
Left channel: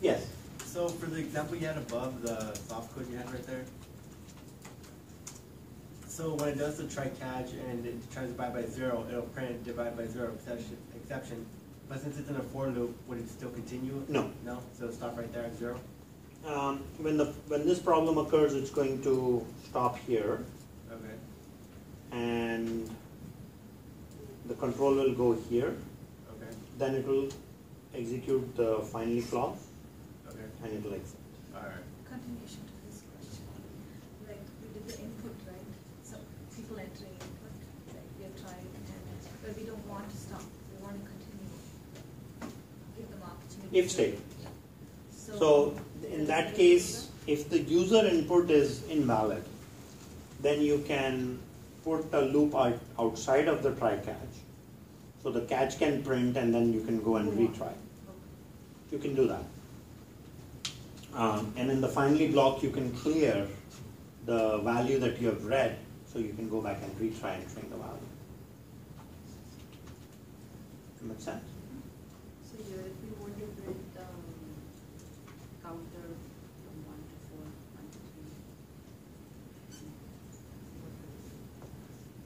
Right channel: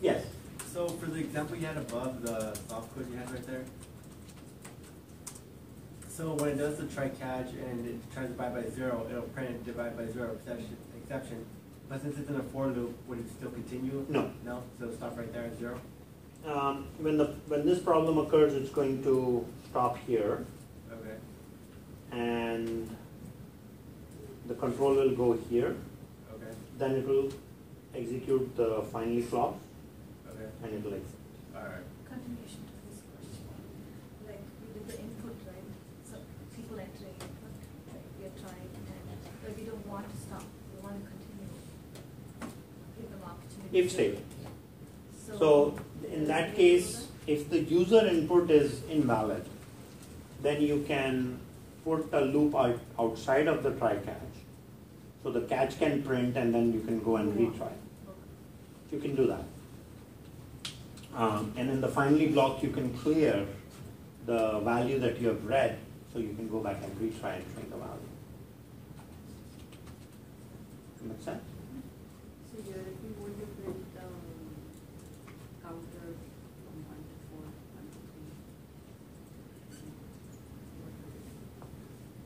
Yes. So for the example you had above, the soft code you had right there. So when it does the try catch and it tries to divide by 0, it'll print divide by 0 exception. But since it's in a for loop, would it still continue? No. No? So it'll stop right there at 0? When this problem occurs, it's going to stop here. Okay. And the control will go here. Okay. Then it will execute the finally clause. Okay. And it will exit. Alright. Continuation to this question. Like we did the input, right? So people entering input, like we are trying to do that. But we don't want to stop. We want to continue. Give them opportunity. If state. So in that case, if the user input is invalid, then you can put a loop outside of the try catch. So the catch can print and then you can go and retry. You can do that. And in the finally block, you can clear the value that you have read, so you can go back and retry and print the value. Make sense? So here, if you want to print counter from 1 to 4, 1 to 3.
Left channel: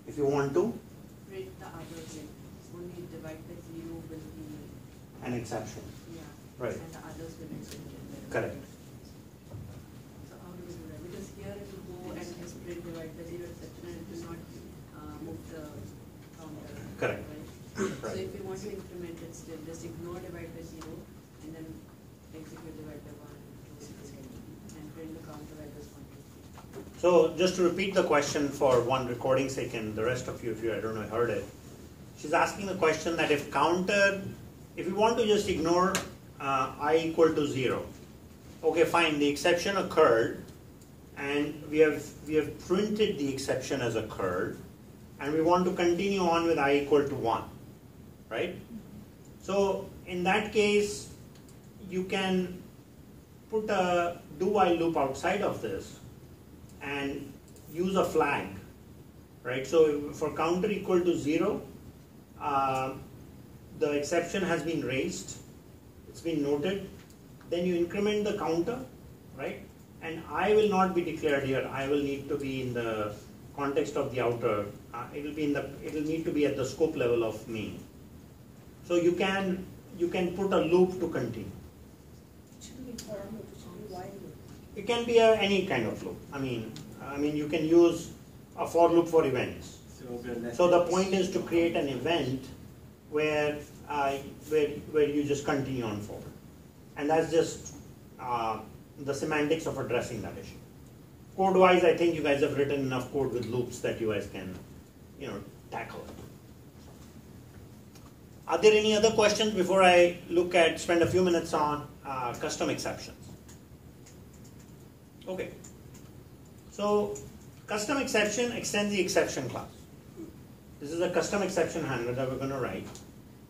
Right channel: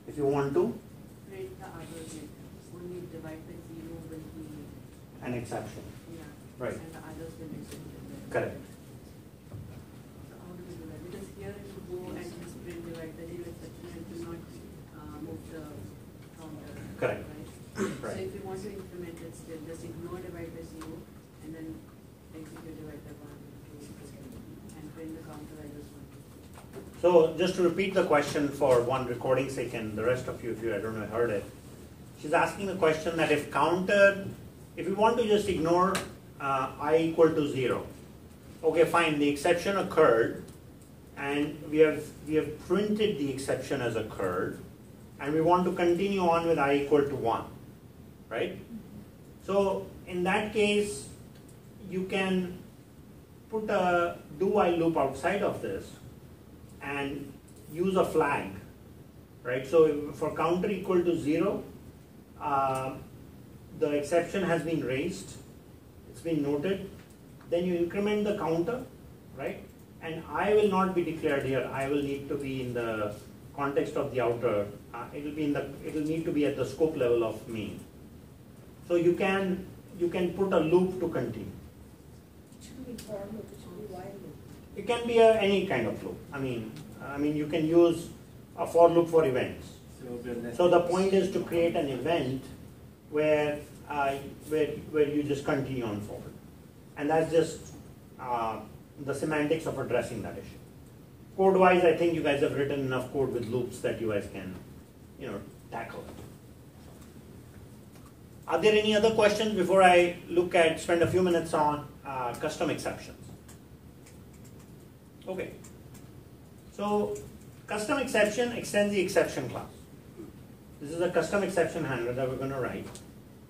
If you want to, Print the others, only divide by 0 will be an exception. Right. And the others will be executed. Correct. So how do you do that? Because here it will go and just print divide by 0 exception, it will not move the counter. Correct. Right? Right. So if you want to implement it still, just ignore divide by 0 and then execute divide by 1 and print the counter as this one. So just to repeat the question for one recording sake and the rest of you, if you I don't know heard it, she's asking a question that if we want to just ignore I equal to 0, okay, fine, the exception occurred, and we have printed the exception as occurred, and we want to continue on with I equal to 1, right? So in that case, you can put a do while loop outside of this and use a flag, right? So for counter equal to 0, the exception has been raised, it's been noted, then you increment the counter, right? And I will not be declared here. I will need to be in the context of the outer. It will need to be at the scope level of main. So you can put a loop to continue. It should be for loop, it should be while loop. It can be any kind of loop. I mean, you can use a for loop for events. So the point is to create an event where you just continue on forward, and that's just the semantics of addressing that issue. code-wise, I think you guys have written enough code with loops that you guys can, tackle. Are there any other questions before I spend a few minutes on custom exceptions? Okay. So custom exception extends the exception class. This is a custom exception handler that we're going to write.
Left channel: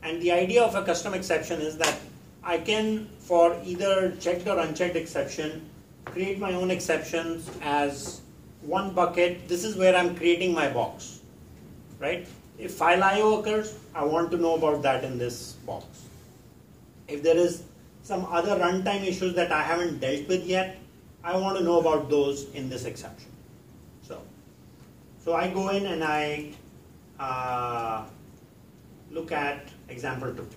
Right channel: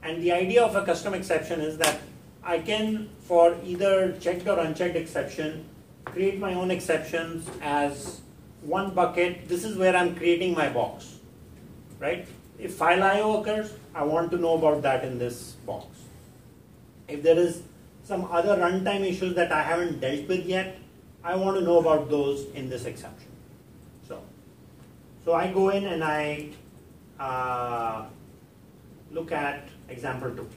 And the idea of a custom exception is that I can, for either checked or unchecked exception, create my own exceptions as one bucket. This is where I'm creating my box, right? If file IO occurs, I want to know about that in this box. If there is some other runtime issues that I haven't dealt with yet, I want to know about those in this exception. So I go in and I look at example 2.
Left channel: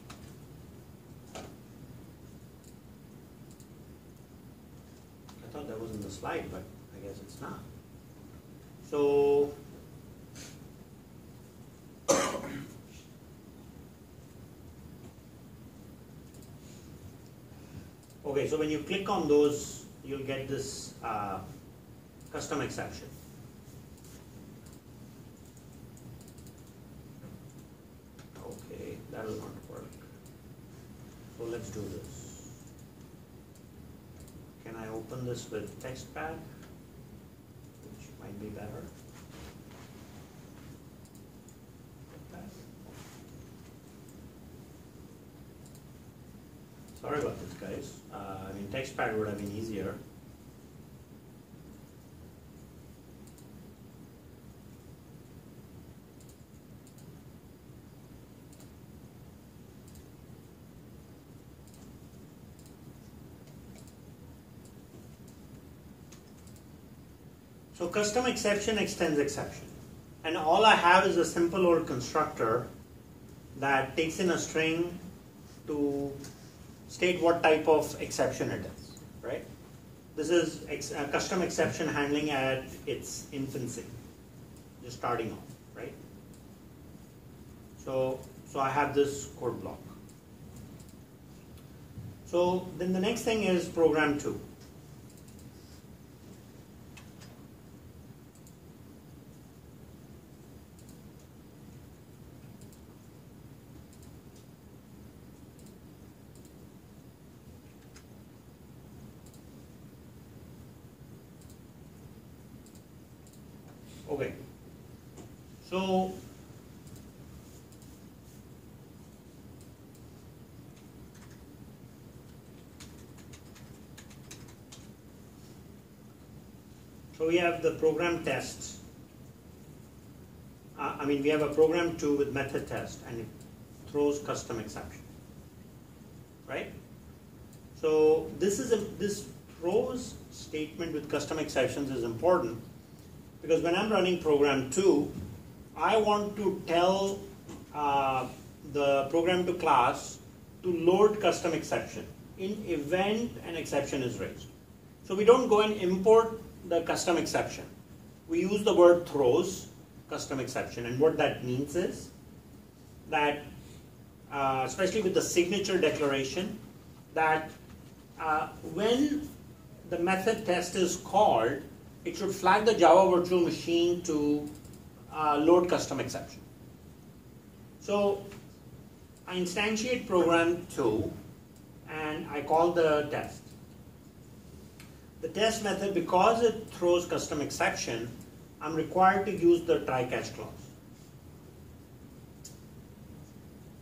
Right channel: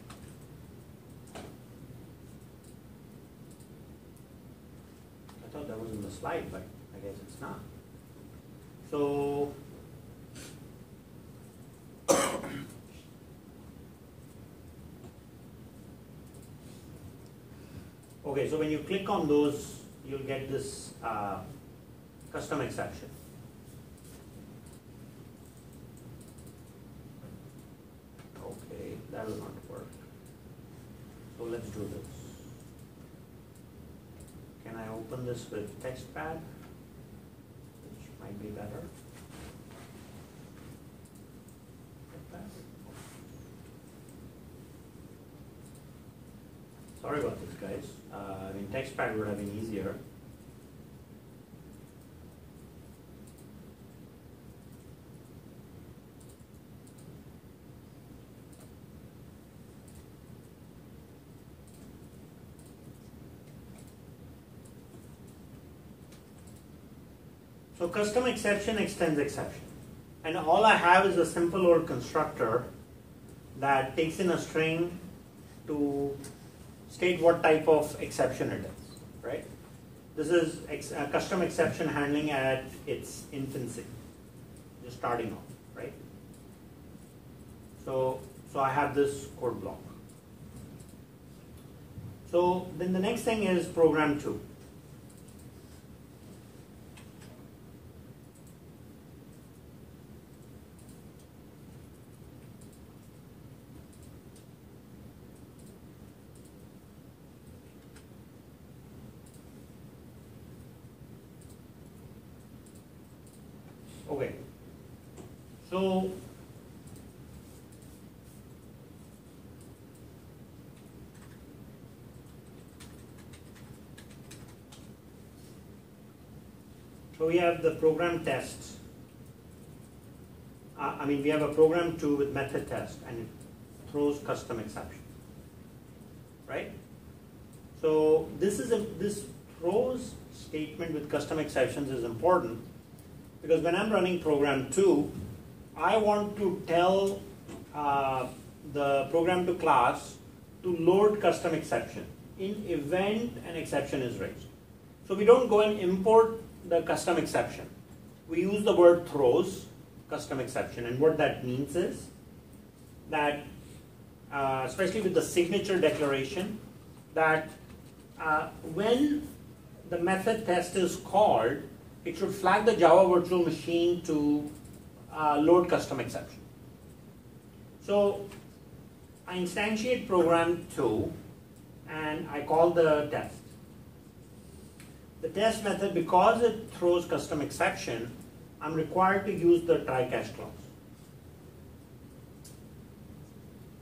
I thought that was in the slide, but I guess it's not. So okay, so when you click on those, you'll get this custom exception. Okay, that will not work. So let's do this. Can I open this with TextPad, which might be better? Sorry about this, guys. TextPad would have been easier. So custom exception extends exception. And all I have is a simple old constructor that takes in a string to state what type of exception it is, right? This is custom exception handling at its infancy, just starting off, right? So I have this code block. So then the next thing is program 2. Okay, so we have the program tests. We have a program 2 with method test, and it throws custom exception, right? So this throws statement with custom exceptions is important. Because when I'm running program 2, I want to tell the program 2 class to load custom exception in event an exception is raised. So we don't go and import the custom exception. We use the word throws custom exception, and what that means is that, especially with the signature declaration, that when the method test is called, it should flag the Java virtual machine to load custom exception. So I instantiate program 2 and I call the test. The test method, because it throws custom exception, I'm required to use the try catch clause.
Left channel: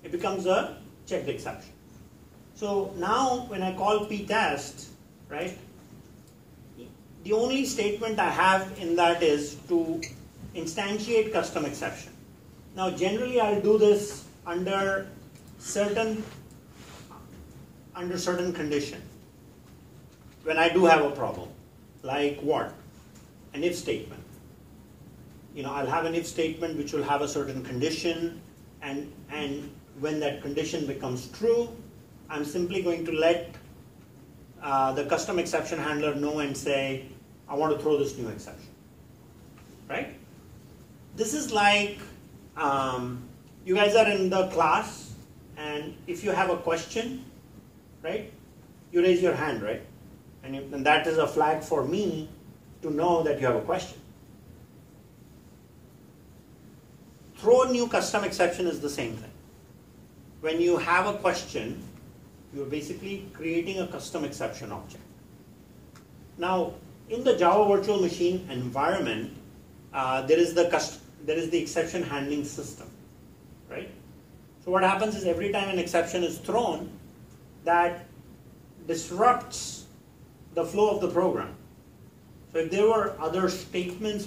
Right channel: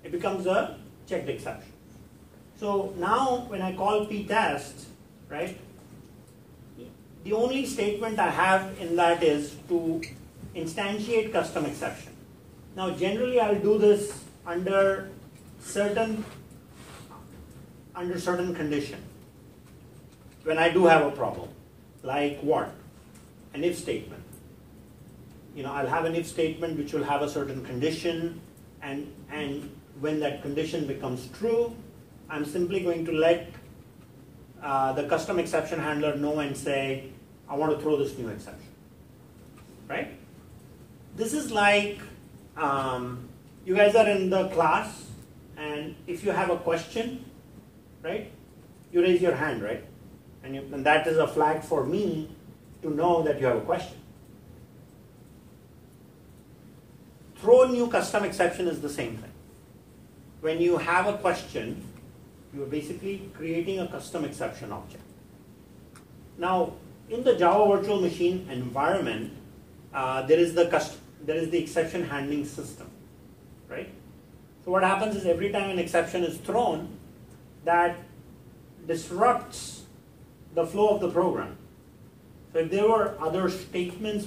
It becomes a checked exception. So now when I call ptest, right, the only statement I have in that is to instantiate custom exception. Now generally I'll do this under certain condition when I do have a problem. Like what? An if statement. I'll have an if statement which will have a certain condition, and when that condition becomes true, I'm simply going to let the custom exception handler know and say, I want to throw this new exception, right? This is like, you guys are in the class, and if you have a question, right, you raise your hand, right? And that is a flag for me to know that you have a question. Throw new custom exception is the same thing. When you have a question, you're basically creating a custom exception object. Now, in the Java Virtual Machine environment, there is the exception handling system, right? So what happens is every time an exception is thrown, that disrupts the flow of the program. So if there were other statements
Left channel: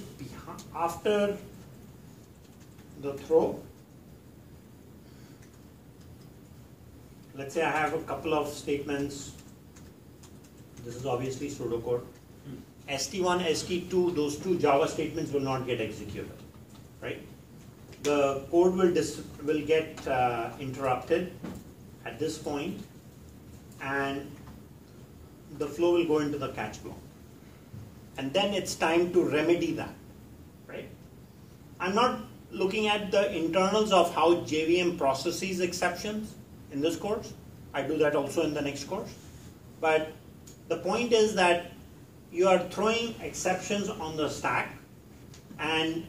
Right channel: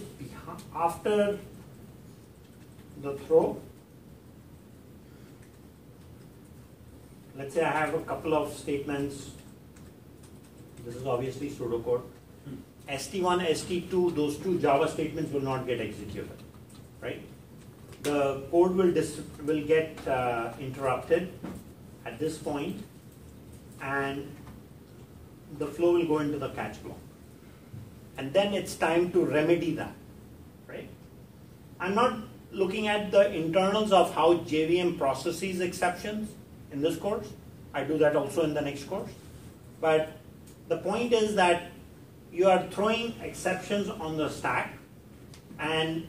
after the throw, let's say I have a couple of statements. This is obviously pseudocode. ST1, ST2, those two Java statements will not get executed, right? The code will get interrupted at this point, and the flow will go into the catch block. And then it's time to remedy that, right? I'm not looking at the internals of how JVM processes exceptions in this course. I do that also in the next course. But the point is that you are throwing exceptions on the stack, and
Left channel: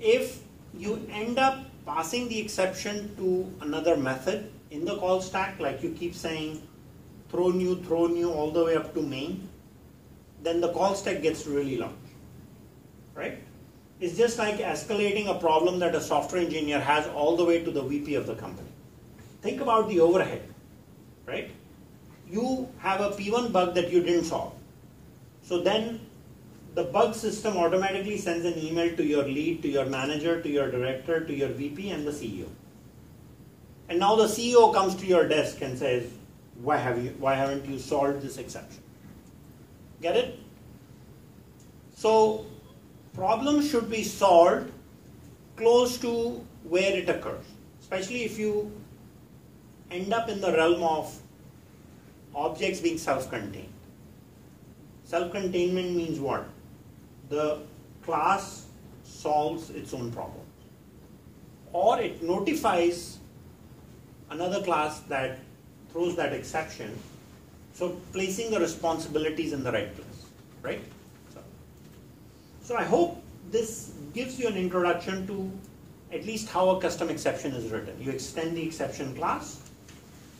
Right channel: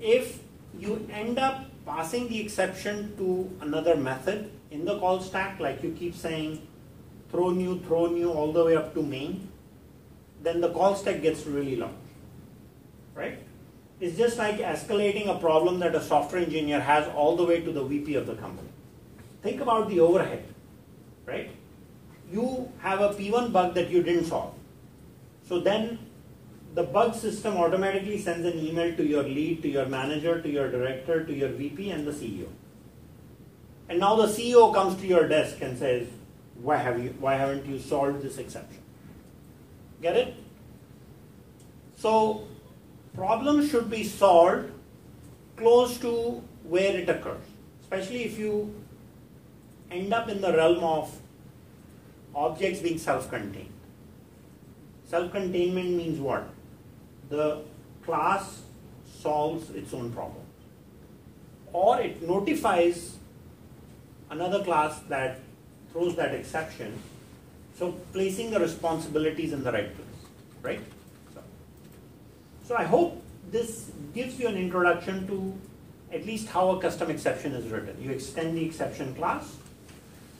if you end up passing the exception to another method in the call stack, like you keep saying throw new all the way up to main, then the call stack gets really large, right? It's just like escalating a problem that a software engineer has all the way to the VP of the company. Think about the overhead, right? You have a P1 bug that you didn't solve. So then the bug system automatically sends an email to your lead, to your manager, to your director, to your VP, and the CEO. And now the CEO comes to your desk and says, why haven't you solved this exception? Get it? So problems should be solved close to where it occurs, especially if you end up in the realm of objects being self-contained. Self-containment means what? The class solves its own problems, or it notifies another class that throws that exception, so placing the responsibilities in the right place, right? So I hope this gives you an introduction to at least how a custom exception is written. You extend the exception class,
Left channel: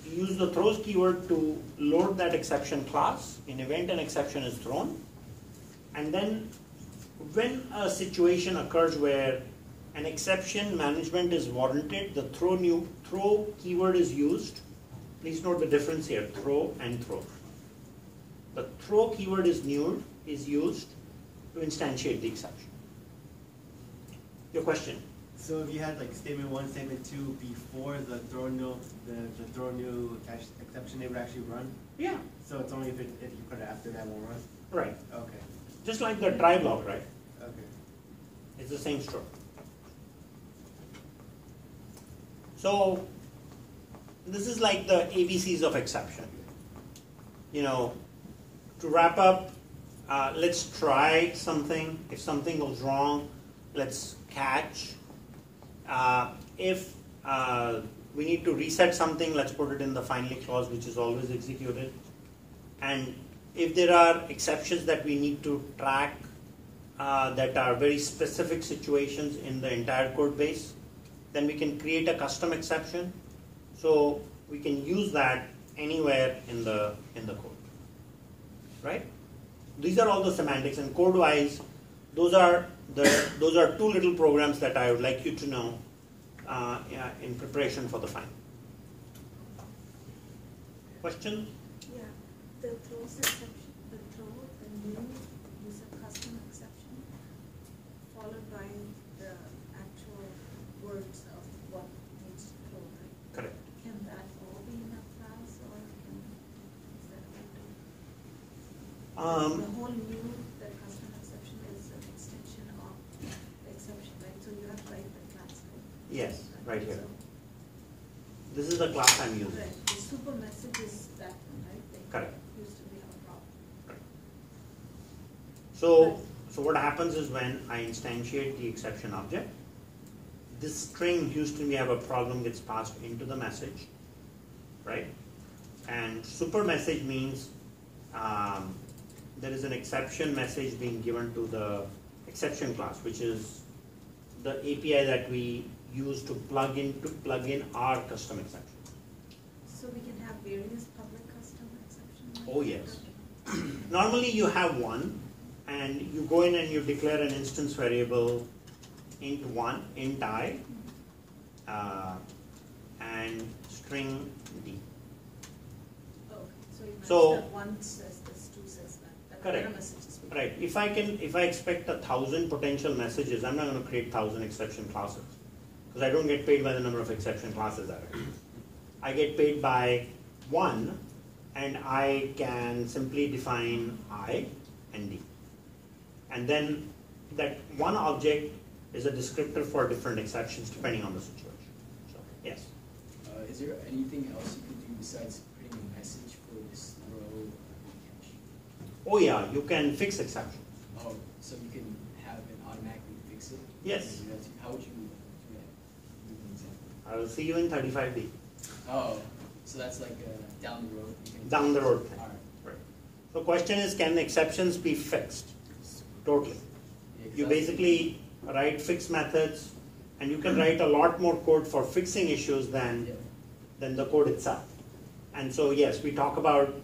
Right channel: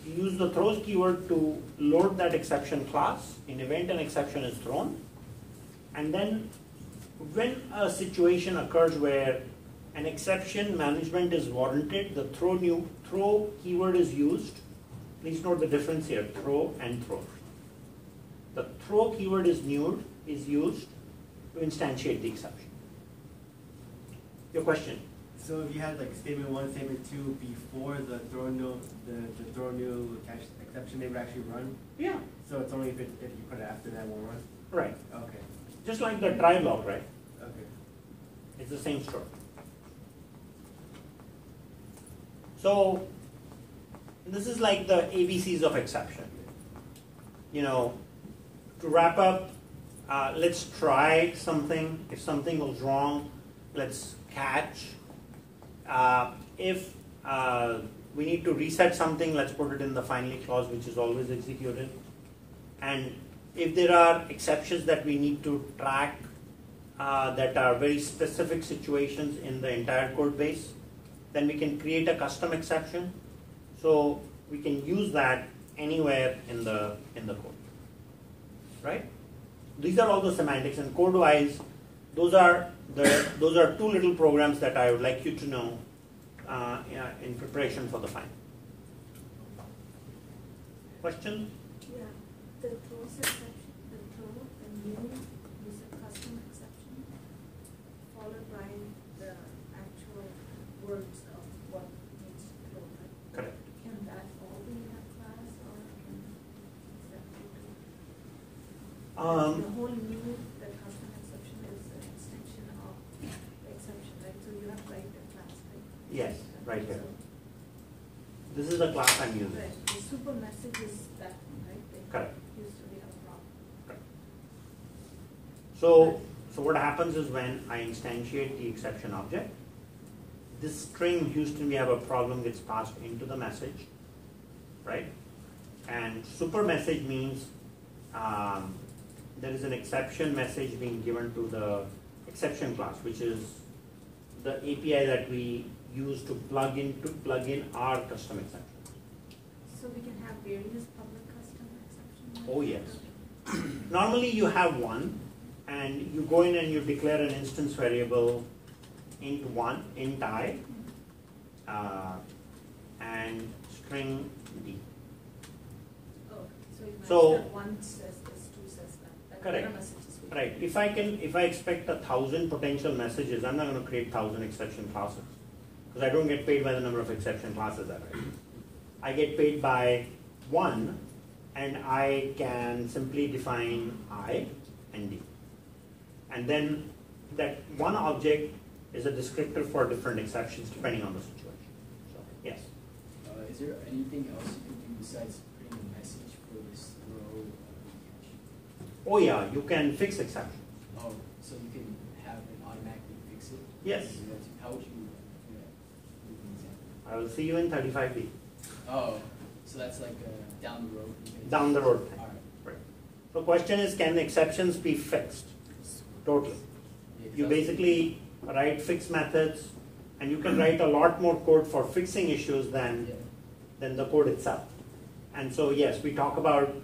you use the throws keyword to load that exception class in event an exception is thrown, and then when a situation occurs where an exception management is warranted, the throw keyword is used. Please note the difference here, throw and throw. The throw keyword is used to instantiate the exception. Your question? So if you had like statement 1, statement 2 before the throw new catch exception, they would actually run? Yeah. So it's only if you put it after that won't run? Right. Okay. Just like the try block, right? Okay. It's the same story. So this is like the ABCs of exception. You know, to wrap up, let's try something. If something goes wrong, let's catch. If we need to reset something, let's put it in the finally clause, which is always executed. And if there are exceptions that we need to track that are very specific situations in the entire code base, then we can create a custom exception. So we can use that anywhere in the code, right? These are all the semantics, and code-wise, those are two little programs that I would like you to know in preparation for the final. Question? Yeah, the throws exception, the throw, the new is a custom exception, followed by the actual words of what needs to throw. Correct. Can that all be in that class, or is that the whole new, the custom exception is an extension of the exception, right? So you have to write the class. Yes, right here. This is the class I'm using. Right. The super message is that one, right? That Correct. used to be a problem. So what happens is when I instantiate the exception object, this string Houston we have a problem gets passed into the message, right? And super message means there is an exception message being given to the exception class, which is the API that we use to plug in our custom exception. So we can have various public custom exceptions? Oh yes. Normally you have one, and you go in and you declare an instance variable int1, int I, and string d. Oh, so you So- that one says this, two says that. Correct. No messages will- Right. If I expect 1,000 potential messages, I'm not going to create 1,000 exception classes, because I don't get paid by the number of exception classes I write. I get paid by one, and I can simply define I and D. And then that one object is a descriptor for different exceptions depending on the situation. So, yes. Is there anything else you can do besides putting a message for this row of cache? Oh yeah, you can fix exceptions. Oh, so you can have it automatically fix it? Yes. How would you do that? Give me an example. I will see you in 35D. Oh, so that's like down the road? you can- Down the road thing. All right. The question is, can the exceptions be fixed? Totally. Yeah, You 'cause basically write fixed methods, and you can write a lot more code for fixing issues Yeah. than the code itself. And so yes, we talk about,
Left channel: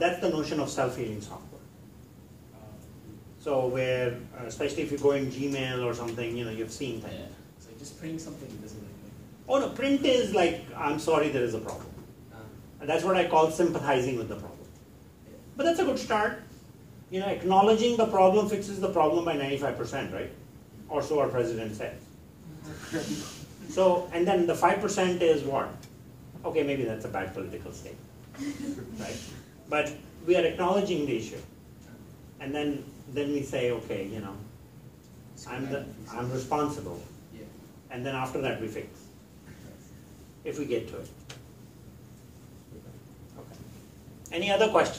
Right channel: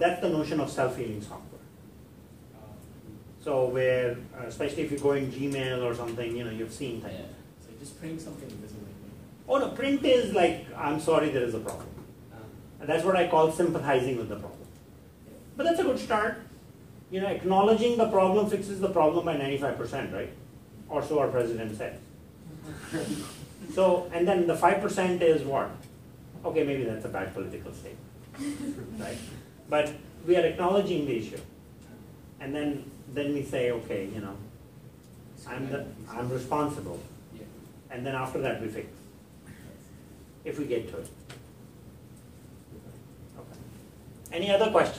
that's the notion of self-healing software. So where, especially if you go in Gmail or something, you've seen that. Yeah. So just printing something doesn't Oh no, print is like, I'm sorry, there is a problem. And that's what I call sympathizing with the problem. But that's a good start. Acknowledging the problem fixes the problem by 95%, right? Or so our president says. So, and then the 5% is what? Okay, maybe that's a bad political statement, right? But we are acknowledging the issue. And then we say, okay, I'm responsible. Yeah. And then after that we fix, if we get to it. Okay. Any other questions?